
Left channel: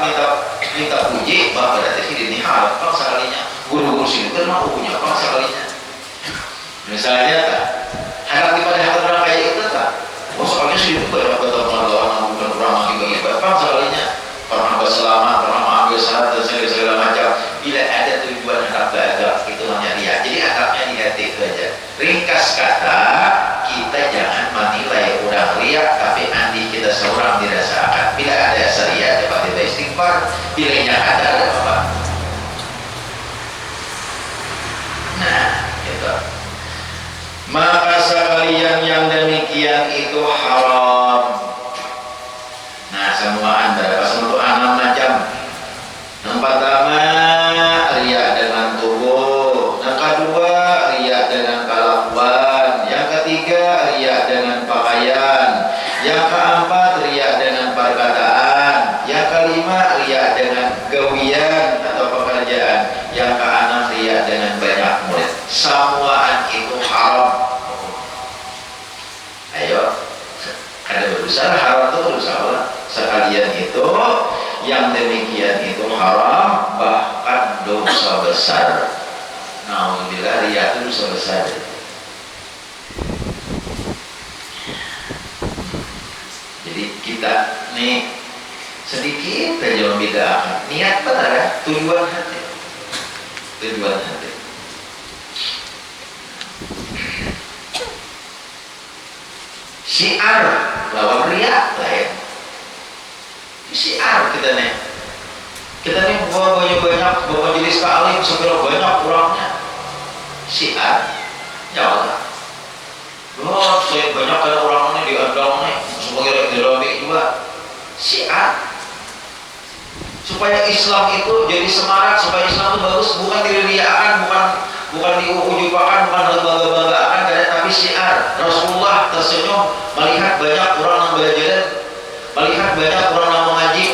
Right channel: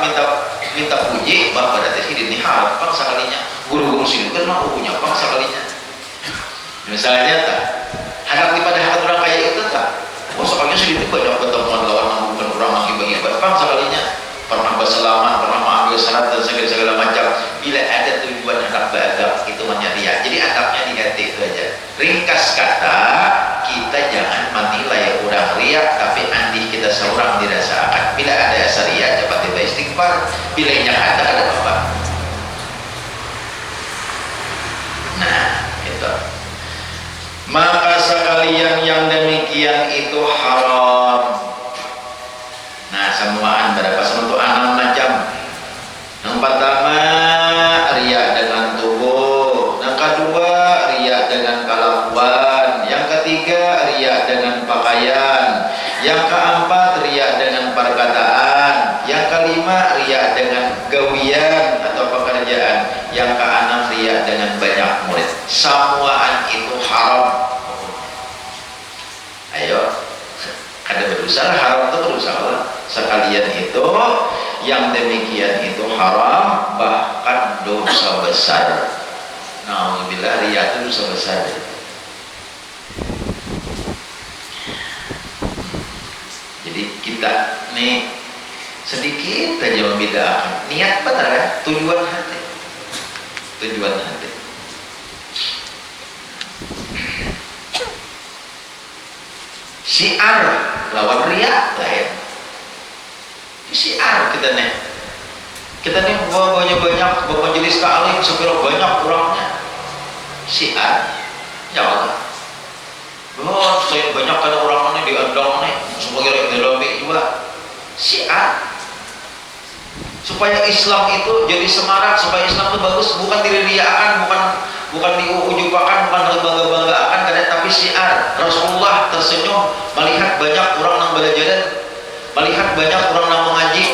minta puji, bah berarti ini harap bang sekalinya guru-guru sini kan mau punya bang sekalinya. Misalnya tak hendak dipadahkan orang kayak itu tak, oh sekalinya sih itu banyak pertemuan lawan bukan orang lagi bagi bang sekalinya pernah berselamat, pernah mengambil syarat dan segala macam. Bila ada tujuan hendak beradab, itu hanya dia. Jadi adabnya diganti itu aja. Ringkas kata, kita jangan menilai orang riak, tapi andi kita seorang dirasakan. Bila ada syariat, cepat kita istighfar. Bila yang ada apa? Nah, itu. Maka sekalian yang demikian itu haram. Nah, semuaan berapa? Untuk 6 macam. Yang pertama, riak dengan tubuh. Yang kedua, riak dengan kelakuan. Yang ketiga, riak dengan pakaian. Yang keempat, riak dengan perkataan. Yang kelima, riak dengan gawian atau pekerjaan. Yang keenam, riak dengan banyak murid. Semuaan itu haram. Ayo, ada berusaha, haram itu berusaha. Sekalian itu yang demikian itu haram, bahkan dosa besar. Nauzubillah, riya itu dosa besar. Jadi kita nih sedikit aja membedakan niat benar ya, tujuan hati. Tujuan hati. Syiar lawan riya lain. Syiar kita nih banyak bermajelis ta'lim supaya banyak orangnya. Syiar ya Allah, oh saya banyak kan orang ini diandang nih sebagai relami juga. Syiar supaya Islam itu jadi semarak, supaya Islam itu bagus, bukan diririakan, bukan diujupakan, bukan dibangga-banggakan, tapi syiar. Rasulullah tersenyum melihat banyak orang yang belajar, melihat banyak orang yang mengaji,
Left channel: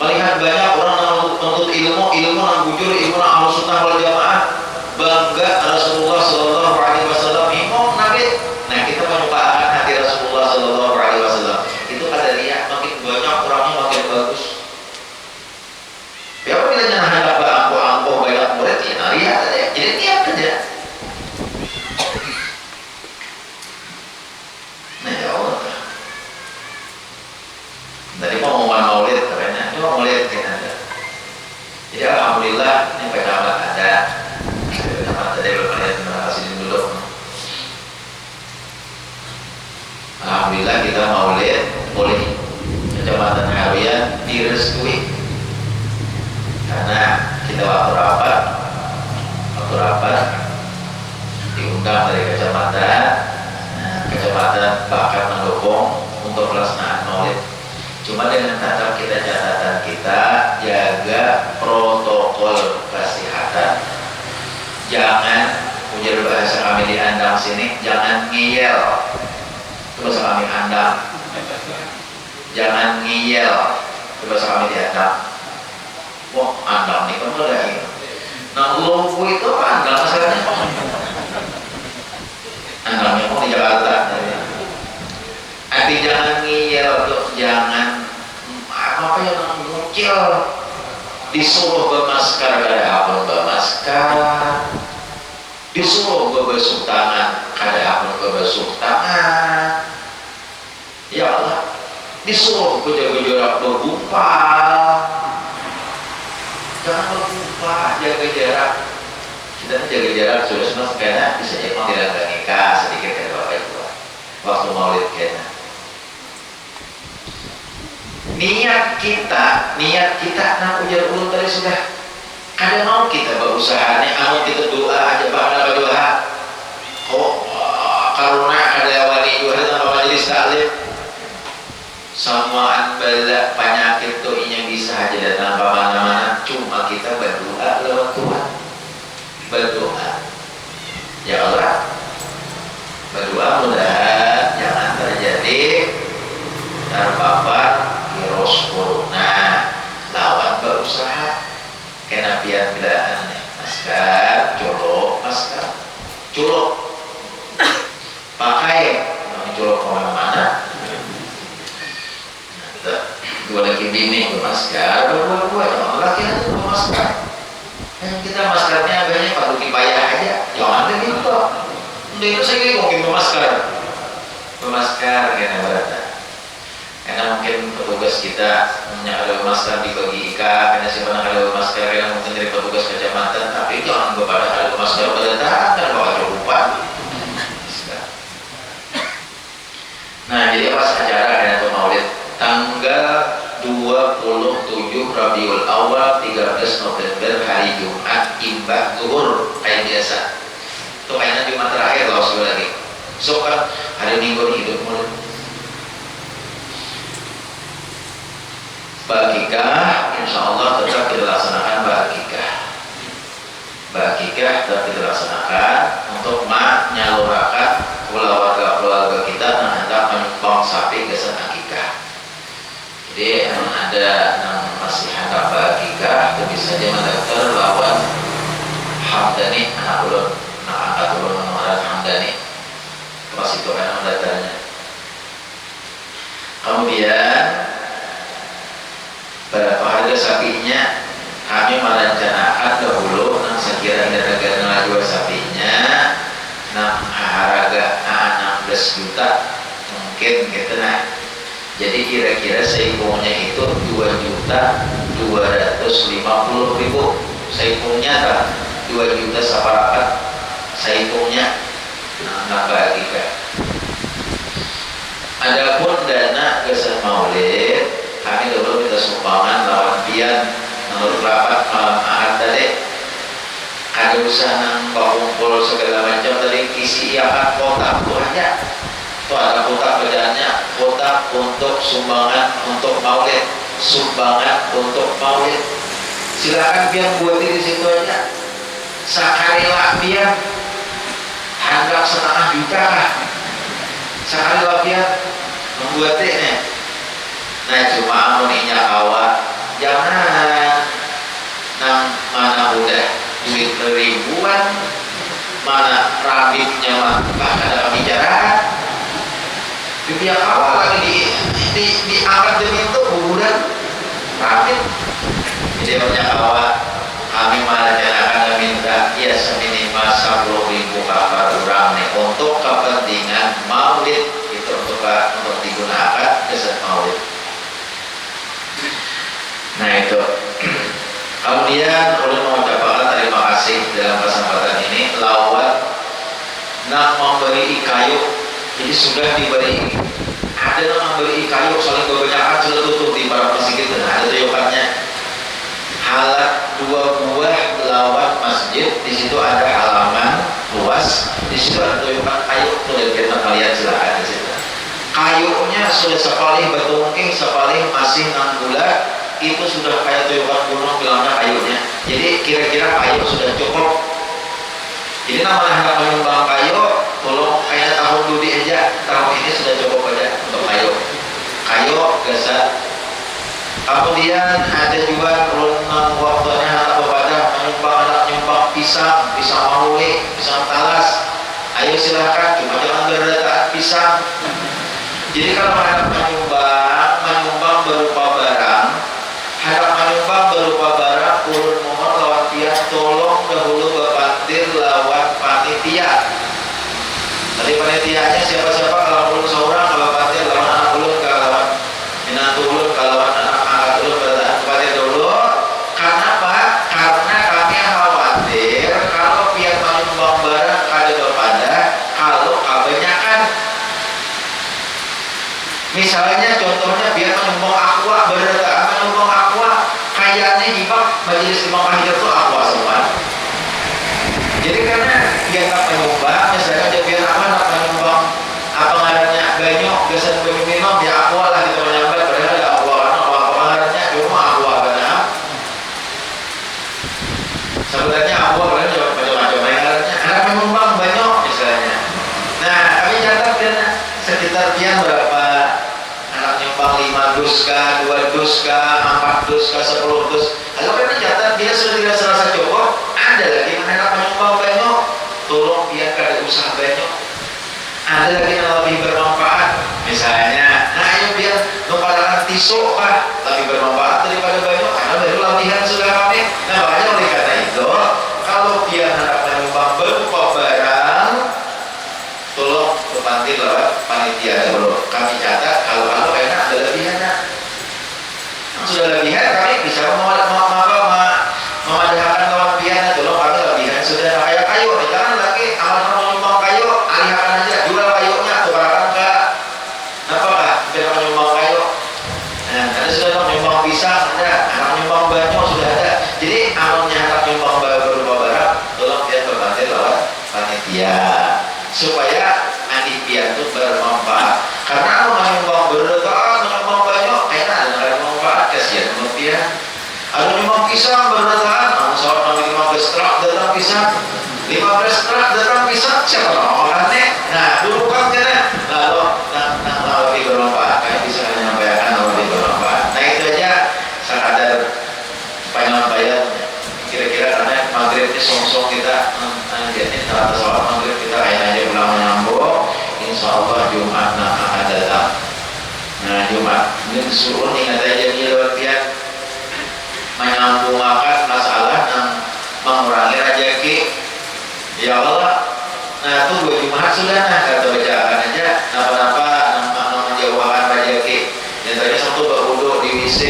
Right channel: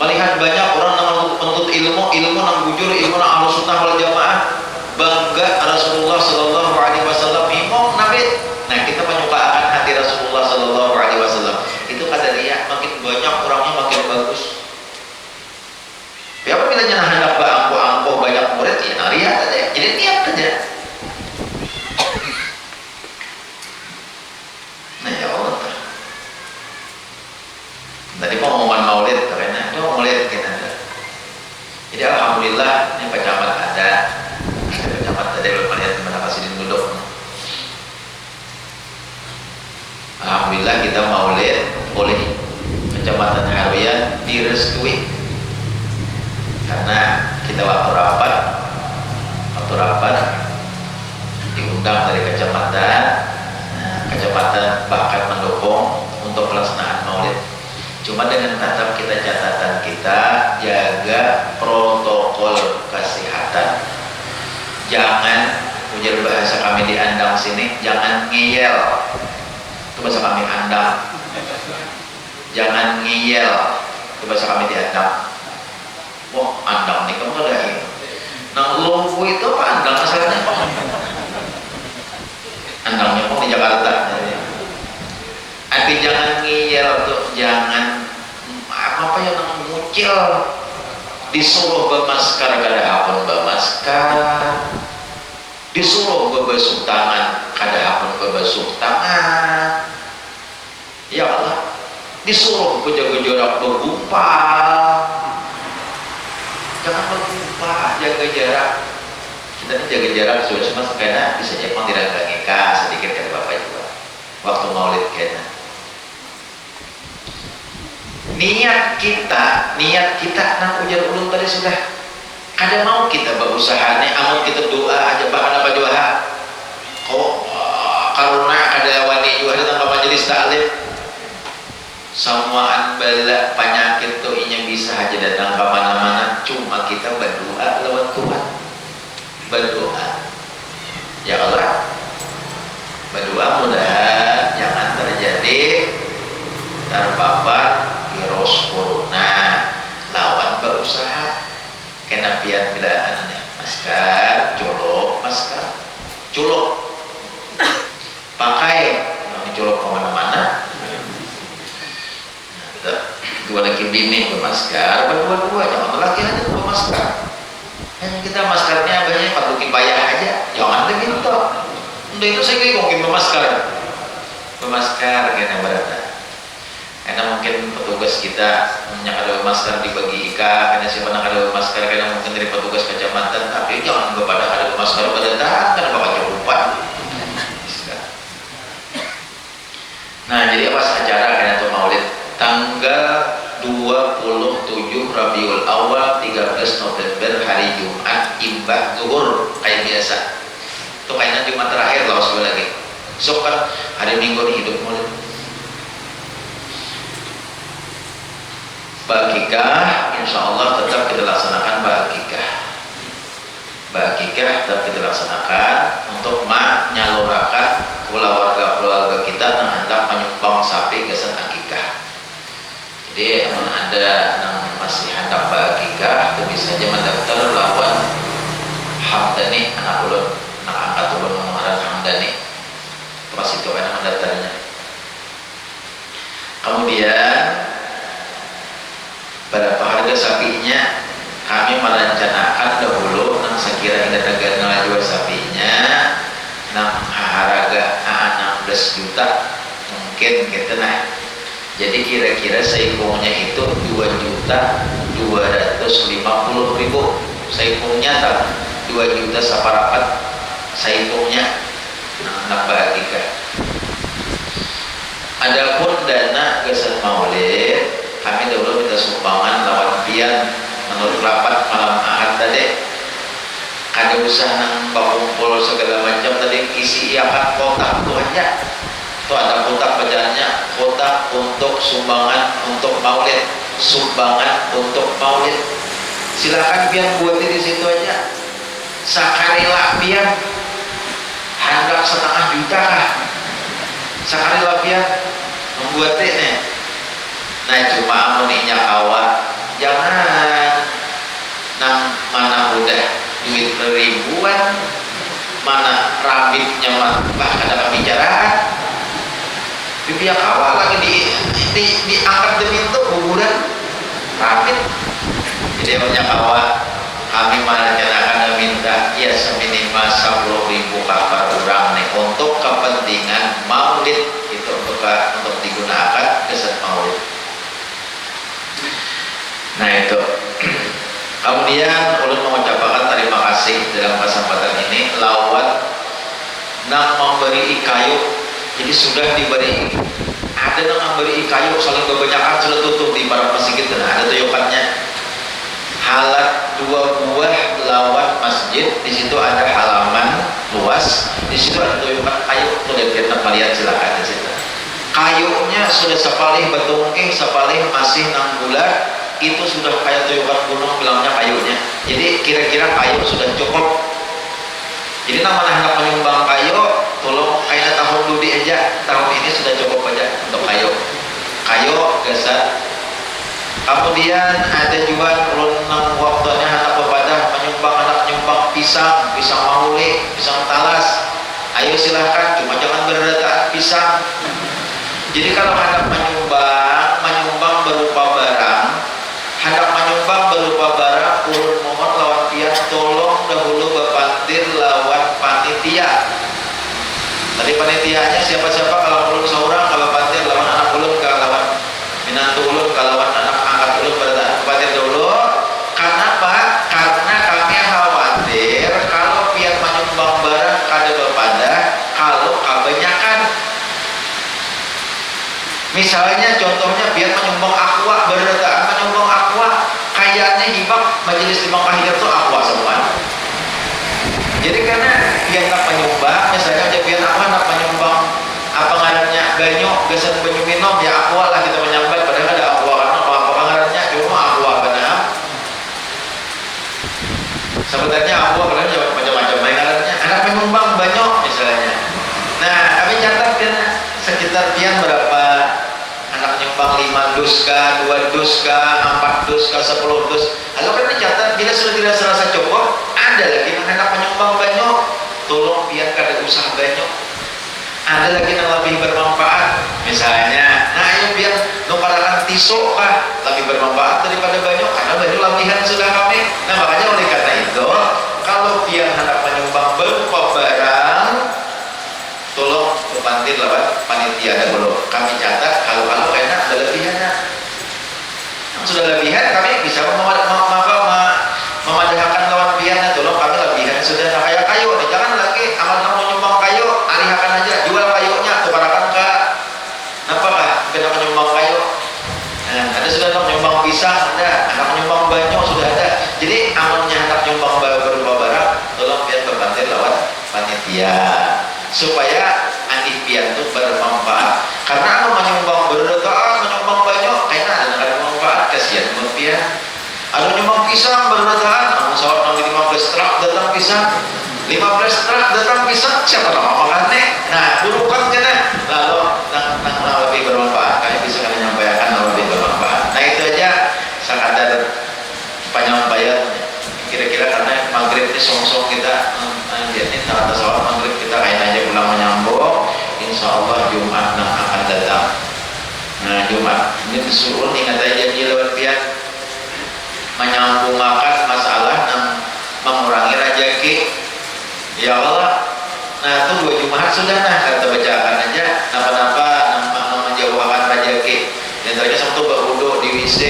melihat banyak orang yang menuntut ilmu yang bujur, ilmu yang ahlus sunnah wal jamaah. Bangga Rasulullah sallallahu alaihi wasallam imam nabi. Nah, kita menyukakan hati Rasulullah sallallahu alaihi wasallam. Itu pada dia makin banyak orangnya makin bagus. Ya apabila jangan hendak berangkuh-angkuh banyak murid, ya riya aja. Jadi niat aja. Nah, ya Allah. Tadi mau ngomong maulid, karena itu maulid kita ada. Jadi alhamdulillah ini pejabat ada. Pejabat tadi belum lihat mana kasih duduk. Alhamdulillah kita maulid oleh Kecamatan Haruyan direstui. Karena kita waktu rapat diundang dari kecamatan. Nah, kecamatan bahkan mendukung untuk pelaksanaan maulid. Cuma dengan catatan kita jaga protokol kesehatan. Jangan, ujar bahasa kami di Andang sini, jangan ngiyel. Itu bahasa kami Andang. Jangan ngiyel. Itu bahasa kami di Andang. Wah, Andang nih kamu ada ini. Nah, Lumpuh itu apa Andang asalnya? Andangnya mau di Jakarta. Tapi jangan ngiyel tuh, jangan apa yang muncul disuruh bermasker kada apun bermasker, disuruh berbasuh tangan kada apun berbasuh tangan. Ya Allah, disuruh berjaga-jaga bergumpal, jangan bergumpal, jaga jarak. Kita jaga jarak sudah semua karena bisa jadi tidak nikah sedikit kan bapak ibu waktu maulid kena. Niat kita nah ujar ulun tadi sudah kada mau kita berusaha nih, mau kita doa aja bahkan apa doa karena kada wani juga dalam majelis taklim Semuaan bala penyakit tuh yang bisa aja datang ke mana-mana, cuma kita berdoa lewat Tuhan. Berdoa, ya Allah, berdoa mudah jangan terjadi terpapar virus corona. Lawan berusaha kena pian bilaan masker, colok masker, colok pakai, colok kemana-mana. Dua lagi bini bermasker, berdua-dua jangan lagi aja bermasker. Kita maskernya banyak perlu kipayah aja, jangan begitu. Udah itu saya kira mungkin bermasker karena berada. Karena mungkin petugas kita ada masker dibagi IKA, karena siapa nak ada masker, karena mungkin dari petugas kecamatan, tapi jangan kepada ada masker pada tahan, karena bawa cukupan. Nah, jadi apa acara karena itu maulid tanggal 27 Rabiul Awal 13 November hari Jumat imbah zuhur kayak biasa. Itu kayaknya Jumat terakhir loh sekali lagi. So kan hari Minggu hidup mulai. Bakikah insya Allah tetap kita laksanakan bakikah. Bakikah tetap kita laksanakan untuk menyalurkan keluarga-keluarga kita yang hendak menyumbang sapi kesan akikah. Jadi ada yang masih hendak bakikah itu bisa aja mendaftar lawan Hamdani anak ulun, anak angkat ulun mengarang Hamdani. Pas itu kan mendaftarnya. Kemudian berapa harga sapinya kami merencanakan dahulu nang sekira negara jual sapinya nang harga 16 juta mungkin gitu nah. Jadi kira-kira seipungnya itu 2.250.000 seipungnya tak 2 juta saparapat seipungnya nambah lagi kan. Adapun dana gesan maulid kami dulu minta sumbangan lawan pian menurut rapat malam ahad tadi ada usaha nang kumpul segala macam tadi isi iakan kotak tuh aja tuh ada kotak bacaannya kotak untuk sumbangan untuk maulid, sumbangan untuk maulid. Silakan pian buat di situ aja sakarela pian hendak 1,5 juta sakarela pian membuat nih. Nah cuma amuninya awak jangan nang mana udah duit ribuan mana rambitnya mah bahkan ada pembicaraan di pihak awal lagi diangkat demi itu bulan rambit. Jadi banyak awak kami merencanakan minta ya seminimal 10.000 kapal orang nih untuk kepentingan maulid itu untuk digunakan keset maulid. Nah itu kemudian ulun mengucapkan terima kasih dalam kesempatan ini lawan nak memberi kayu. Jadi sudah diberi ada yang memberi kayu saling kebanyakan sudah tutup di para masjid dan ada tuyukannya halat 2 buah lawan masjid. Di situ ada halaman luas, di situ ada tuyukan kayu tuh kita melihat silakan di situ. Kayunya sudah sepalih betungking sepalih masih 6 bulan. Itu sudah kayak tuyukan gunung bilangnya kayunya. Jadi kira-kira kayu sudah cukup. Jadi namanya hendak menyumbang kayu, tolong kayak tahun dulu aja. Tahun ini sudah cukup aja untuk kayu. Kayu geser. Kemudian ada juga renang waktunya anak kepada anak menyumbang pisang mauli, pisang talas. Ayo silahkan, cuma jangan berdataan pisang. Jadi kalau hendak menyumbang berupa barang. Hendak menyumbang berupa barang ulun mohon lawan pihak tolong dahulu bepantir lawan panitia. Tadi panitianya siapa-siapa kalau ulun seorang kalau pantir lawan anak ulun ke lawan minantu ulun ke lawan anak angkat ulun pada pantir dulu. Kenapa? Karena kami khawatir kalau pihak menyumbang barang kada bepada kalau kebanyakan. Misalnya contohnya biar menyumbang aqua berdataan menyumbang aqua kayaknya hibah majelis imam pahijat itu aqua semua. Jadi karena biar tak menyumbang misalnya aja biar apa nak menyumbang apa ngaranya banyak gesan banyak minum ya aqua lah kita menyambang sebenarnya aku kalian jawab macam-macam bayarannya anak penyumbang banyak misalnya. Nah kami catat kan sekitar pian berapa anak nyumbang 5 dus kah, 2 dus kah, 4 dus kah, 10 dus. Kalau kami catat bila sudah tidak serasa cukup, ada lagi anak penyumbang banyak, tolong biar kada usaha banyak. Ada lagi yang lebih bermanfaat misalnya, nah ayo biar numpalakan tisu kah lebih bermanfaat daripada banyak karena baru latihan sudah kami. Nah makanya oleh karena itu kalau biar hendak menyumbang berupa barang, tolong berpanti lewat panitia dulu. Kami catat kalau kayaknya ada lebihannya. Sudah lebihan kami bisa memadahkan lawan biaya. Tolong kami lebihan sudah kayak kayu nih, jangan lagi amal menyumbang kayu, alihkan aja jual kayunya tukarakan ke apa kah kita menyumbang kayu. Nah ada sudah menyumbang pisang, ada anak menyumbang banyak sudah ada. Jadi amalnya anak menyumbang berupa barang, tolong biar berbantu lewat panitia supaya anipian itu bermanfaat. Karena aku menyumbang berdoa, menyumbang banyak, kayaknya ada manfaat kasihan dia. Ada nyumbang pisang berdoa, namun soal nanti 15 truk datang pisang, 15 truk datang pisang, siapa nama makannya? Nah dulu kan kena, lalu lebih bermanfaat, kayak bisa menyampaikan lebih bermanfaat. Nah itu aja sekadar penyampaian. Kira-kira karena maghrib ini song-song kita jadi saat sholat maghrib kita kayaknya aja pulang menyambung. Insya Allah Jumat akan datang. Nah Jumat ini disuruh ingat aja di lewat pihak menyambung makan masalah dan mengurangi rezeki. Ya Allah. Nah itu 2 Jumat sudah nah kata bacaan aja napa-napa menjauhkan rezeki. Yang tadi satu berwudu di WC,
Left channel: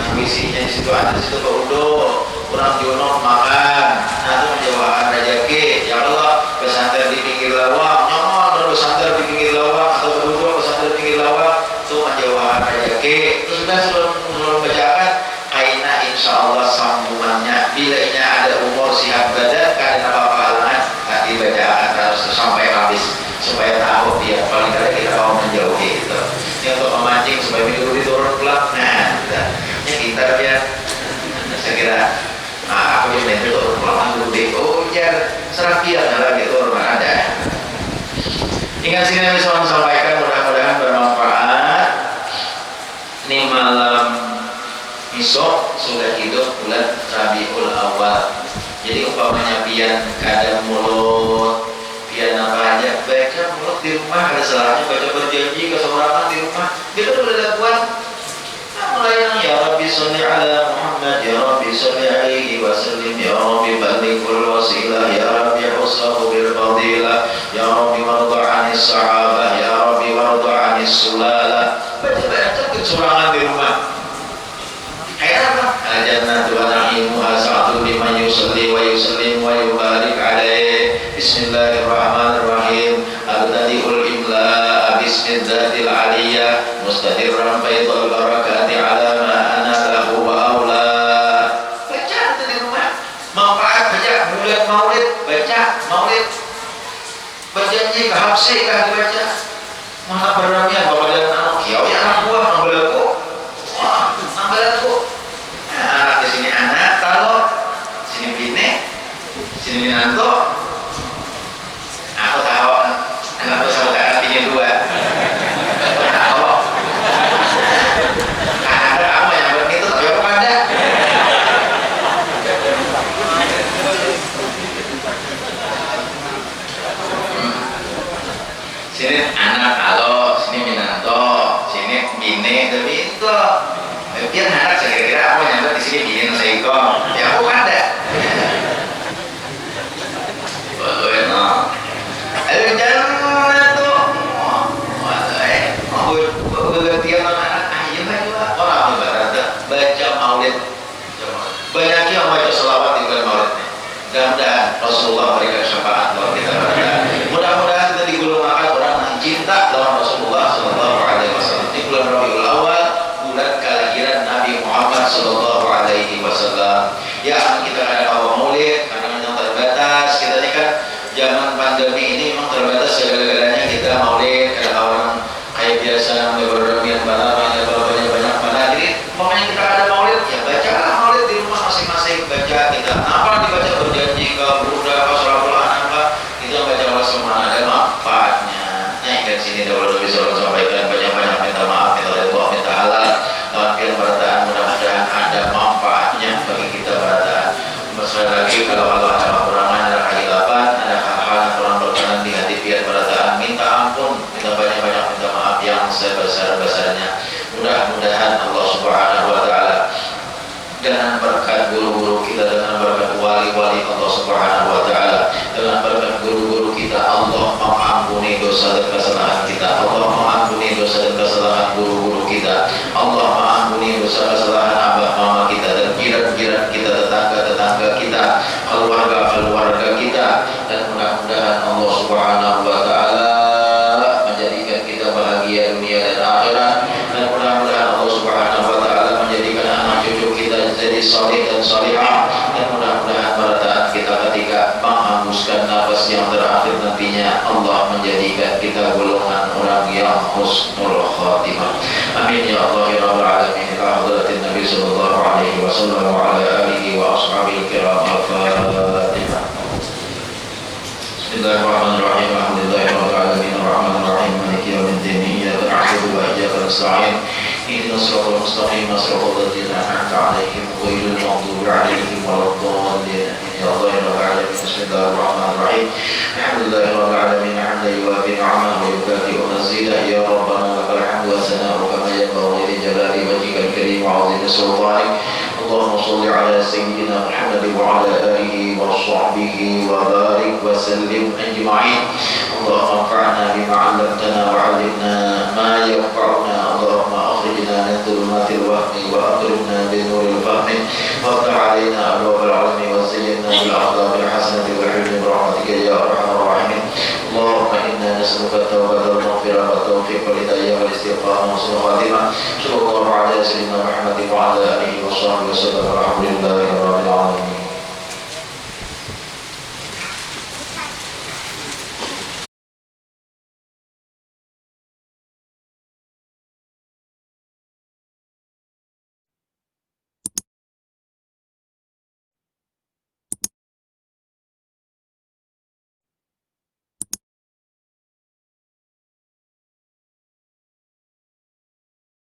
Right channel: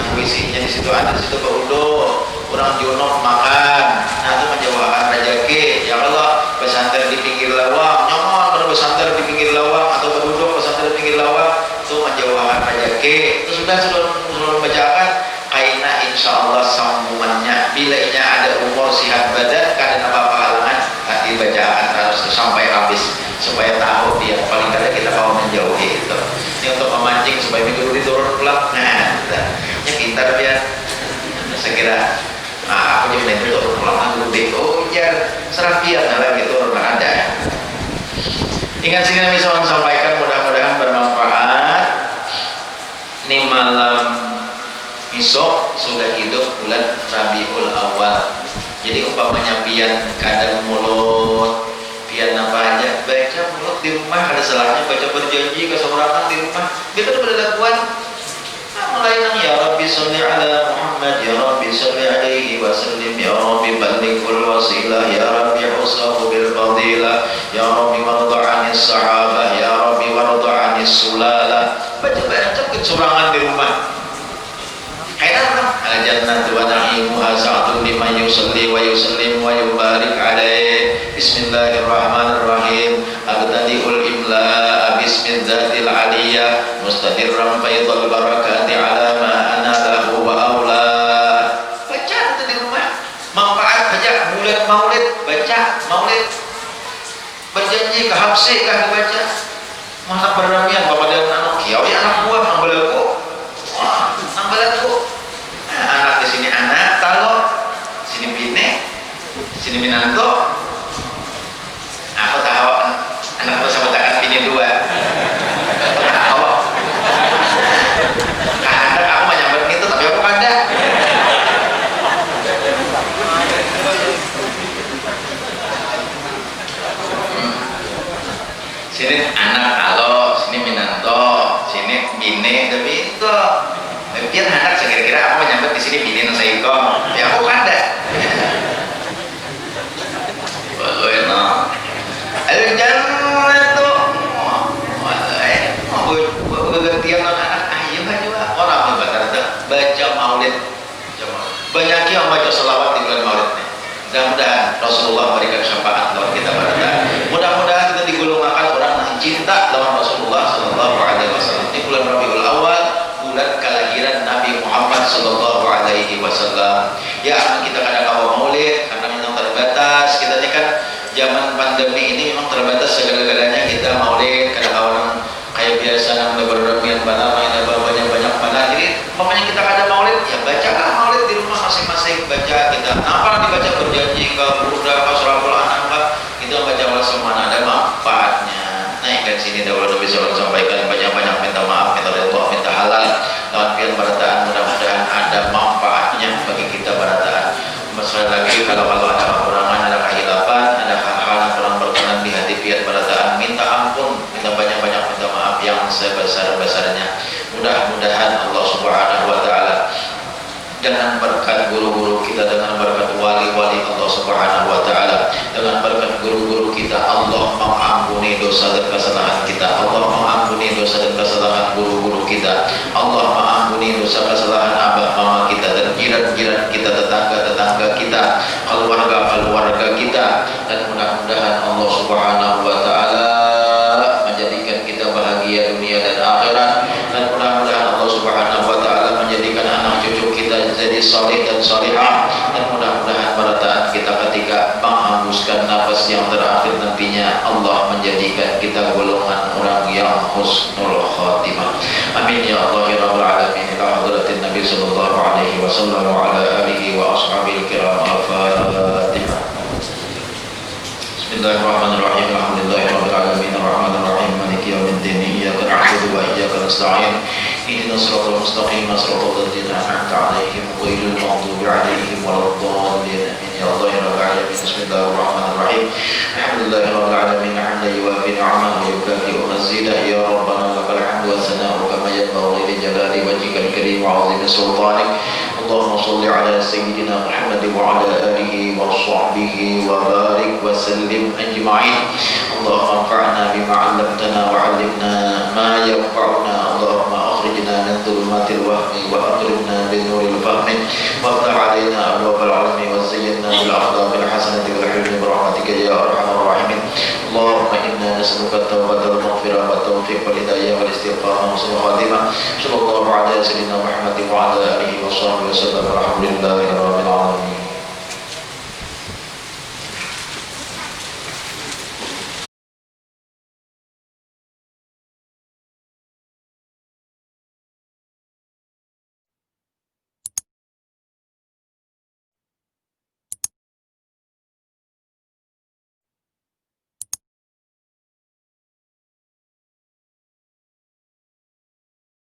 nah WC-nya di situ ada situ berwudu. Orang junok makan, nah itu menjauhkan rezeki. Ya Allah, pesantren di pinggir lawang, nyaman pesantren di pinggir lawang atau berduduk pesantren di pinggir lawang itu menjauhkan rezeki. Itu sudah bacakan. Aina insya Allah sambungannya. Bila ini ada umur sihat badan, karena apa halangan tadi bacaan harus sampai habis supaya tahu dia paling tidak kita mau menjauhi itu. Ini untuk memancing supaya minggu ini turun pelak. Nah, ini pintar dia. Saya kira. Nah, aku yang itu pulang dulu. Oh iya, serapian lagi itu orang ada. Ingat sini yang bisa sampaikan mudah-mudahan bermanfaat. Ini malam besok sudah hidup bulan Rabiul Awal. Jadi umpamanya pian kadang mulut, pian apa aja, baca mulut di rumah ada salahnya baca berjanji keseorang di rumah. Kita udah lakukan. Mulai yang ya Rabbi sholli ala Muhammad, ya Rabbi sholli alaihi wasallim, ya Rabbi ballighul wasilah, ya Rabbi usahu bil fadilah, ya Rabbi warda 'anis sahabah, ya Rabbi warda 'anis sulalah. Baca kecurangan di rumah. Kayak apa? Al-jannatu wa na'imuha sa'atu liman yusalli wa yusallim wa yubarik alaihi. Bismillahirrahmanirrahim. Abtadi'ul imla bismillahil aliyah mustadirran faidul barakati ala ma ana lahu wa aula. Baca itu di rumah. Manfaat baca bulan maulid, baca maulid. Berjanji ke habsi kah dibaca. Mana beramian bapak dan anak kiau ya anak buah nang belaku. Wah, nang belaku. Nah, anak di sini anak, kalau sini bini, sini minanto. Aku tahu anakku sama kakak bini 2. Tahu. Ada kamu yang begitu tapi aku ada. Sini anak kalau sini minanto, sini bini tapi itu. Biar anak kira-kira aku nyampe di sini bini saya ikut. Ya aku ada. Al-jannatu bergantian anak ayo orang baca maulid. Banyak yang baca selawat di bulan maulid. Mudah-mudahan Rasulullah berikan syafaat buat kita pada. Mudah-mudahan kita digolongkan orang yang cinta lawan Rasulullah Sallallahu Alaihi Wasallam di bulan Rabiul Awal, bulan kelahiran Nabi Muhammad Sallallahu Alaihi Wasallam. Ya kita kadang awal maulid karena memang terbatas. Kita ini kan zaman pandemi ini memang terbatas segala-galanya kita maulid kadang orang kayak biasa namanya berdomian banyak mana. Jadi pokoknya kita ada maulid ya bacalah maulid di rumah masing-masing. dibaca kita. Apa dibaca berjanji ke Buddha, ke Surabul Anam, itu baca Allah semua ada manfaatnya. Naikkan sini dahulu Nabi SAW sampaikan banyak-banyak minta maaf, minta ridha, minta halal. Lawan berataan mudah-mudahan ada manfaatnya bagi kita berataan. Sekali lagi kalau ada kekurangan, ada kehilapan, ada hal-hal yang kurang berkenan di hati pian berataan, minta ampun, minta banyak-banyak minta maaf yang sebesar-besarnya. Mudah-mudahan Allah Subhanahu wa taala dengan berkat guru-guru kita, dengan berkat wali-wali Allah Subhanahu wa taala, dengan berkat guru-guru kita, Allah mengampuni dosa dan kesalahan kita. Allah mengampuni dosa dan kesalahan guru-guru kita. Allah mengampuni dosa kesalahan abah mama kita dan jiran-jiran kita, tetangga-tetangga kita, keluarga-keluarga kita, dan mudah-mudahan Allah Subhanahu wa taala menjadikan kita bahagia dunia dan akhirat, dan mudah-mudahan Allah Subhanahu wa taala menjadikan anak cucu kita jadi saleh dan salihah, dan mudah-mudahan berataan kita ketika menghembuskan nafas yang terakhir nantinya Allah menjadikan kita golongan orang yang husnul khatimah. Amin ya Allah ya rabbal alamin. Ila hadratin Nabi sallallahu alaihi wasallam wa ala alihi wa ashabihi kiram. Al-Fatihah. Bismillahirrahmanirrahim. Alhamdulillahirabbil alamin arrahmanir rahim maliki yaumiddin. Iyyaka na'budu wa iyyaka nasta'in. Ihdinas siratal mustaqim siratal ladzina an'amta 'alaihim ghairil maghdubi 'alaihim waladdallin. Ya Allah ya rabbal alamin. Bismillahirrahmanirrahim. Alhamdulillahirabbil alamin hamdan yuwafi ni'amahu wa yukafi'u mazidah. Ya rabbana lakal hamdu wa sana'u kama yanbaghi li jalali wajhikal karim wa 'azimi sultanik. Allahumma shalli 'ala sayyidina Muhammad wa 'ala alihi wa sahbihi wa barik wa sallim ajma'in. Allahumma anfa'na bima 'allamtana wa 'allimna ma yanfa'una. Allahumma akhrijna min dhulumatil wahmi wa akrimna bi nuril fahmi waftah 'alaina abwaabal 'ilmi wa zayyinna bil a'dhabil hasanati wal hilmi bi rahmatika ya arhamar rahimin. Allahumma inna nas'aluka at-tawbata wal maghfirah wa at-tawfiq wal hidayah wal istiqamah wa husnul khatimah. Sallallahu 'ala sayyidina Muhammad wa 'ala alihi wa sahbihi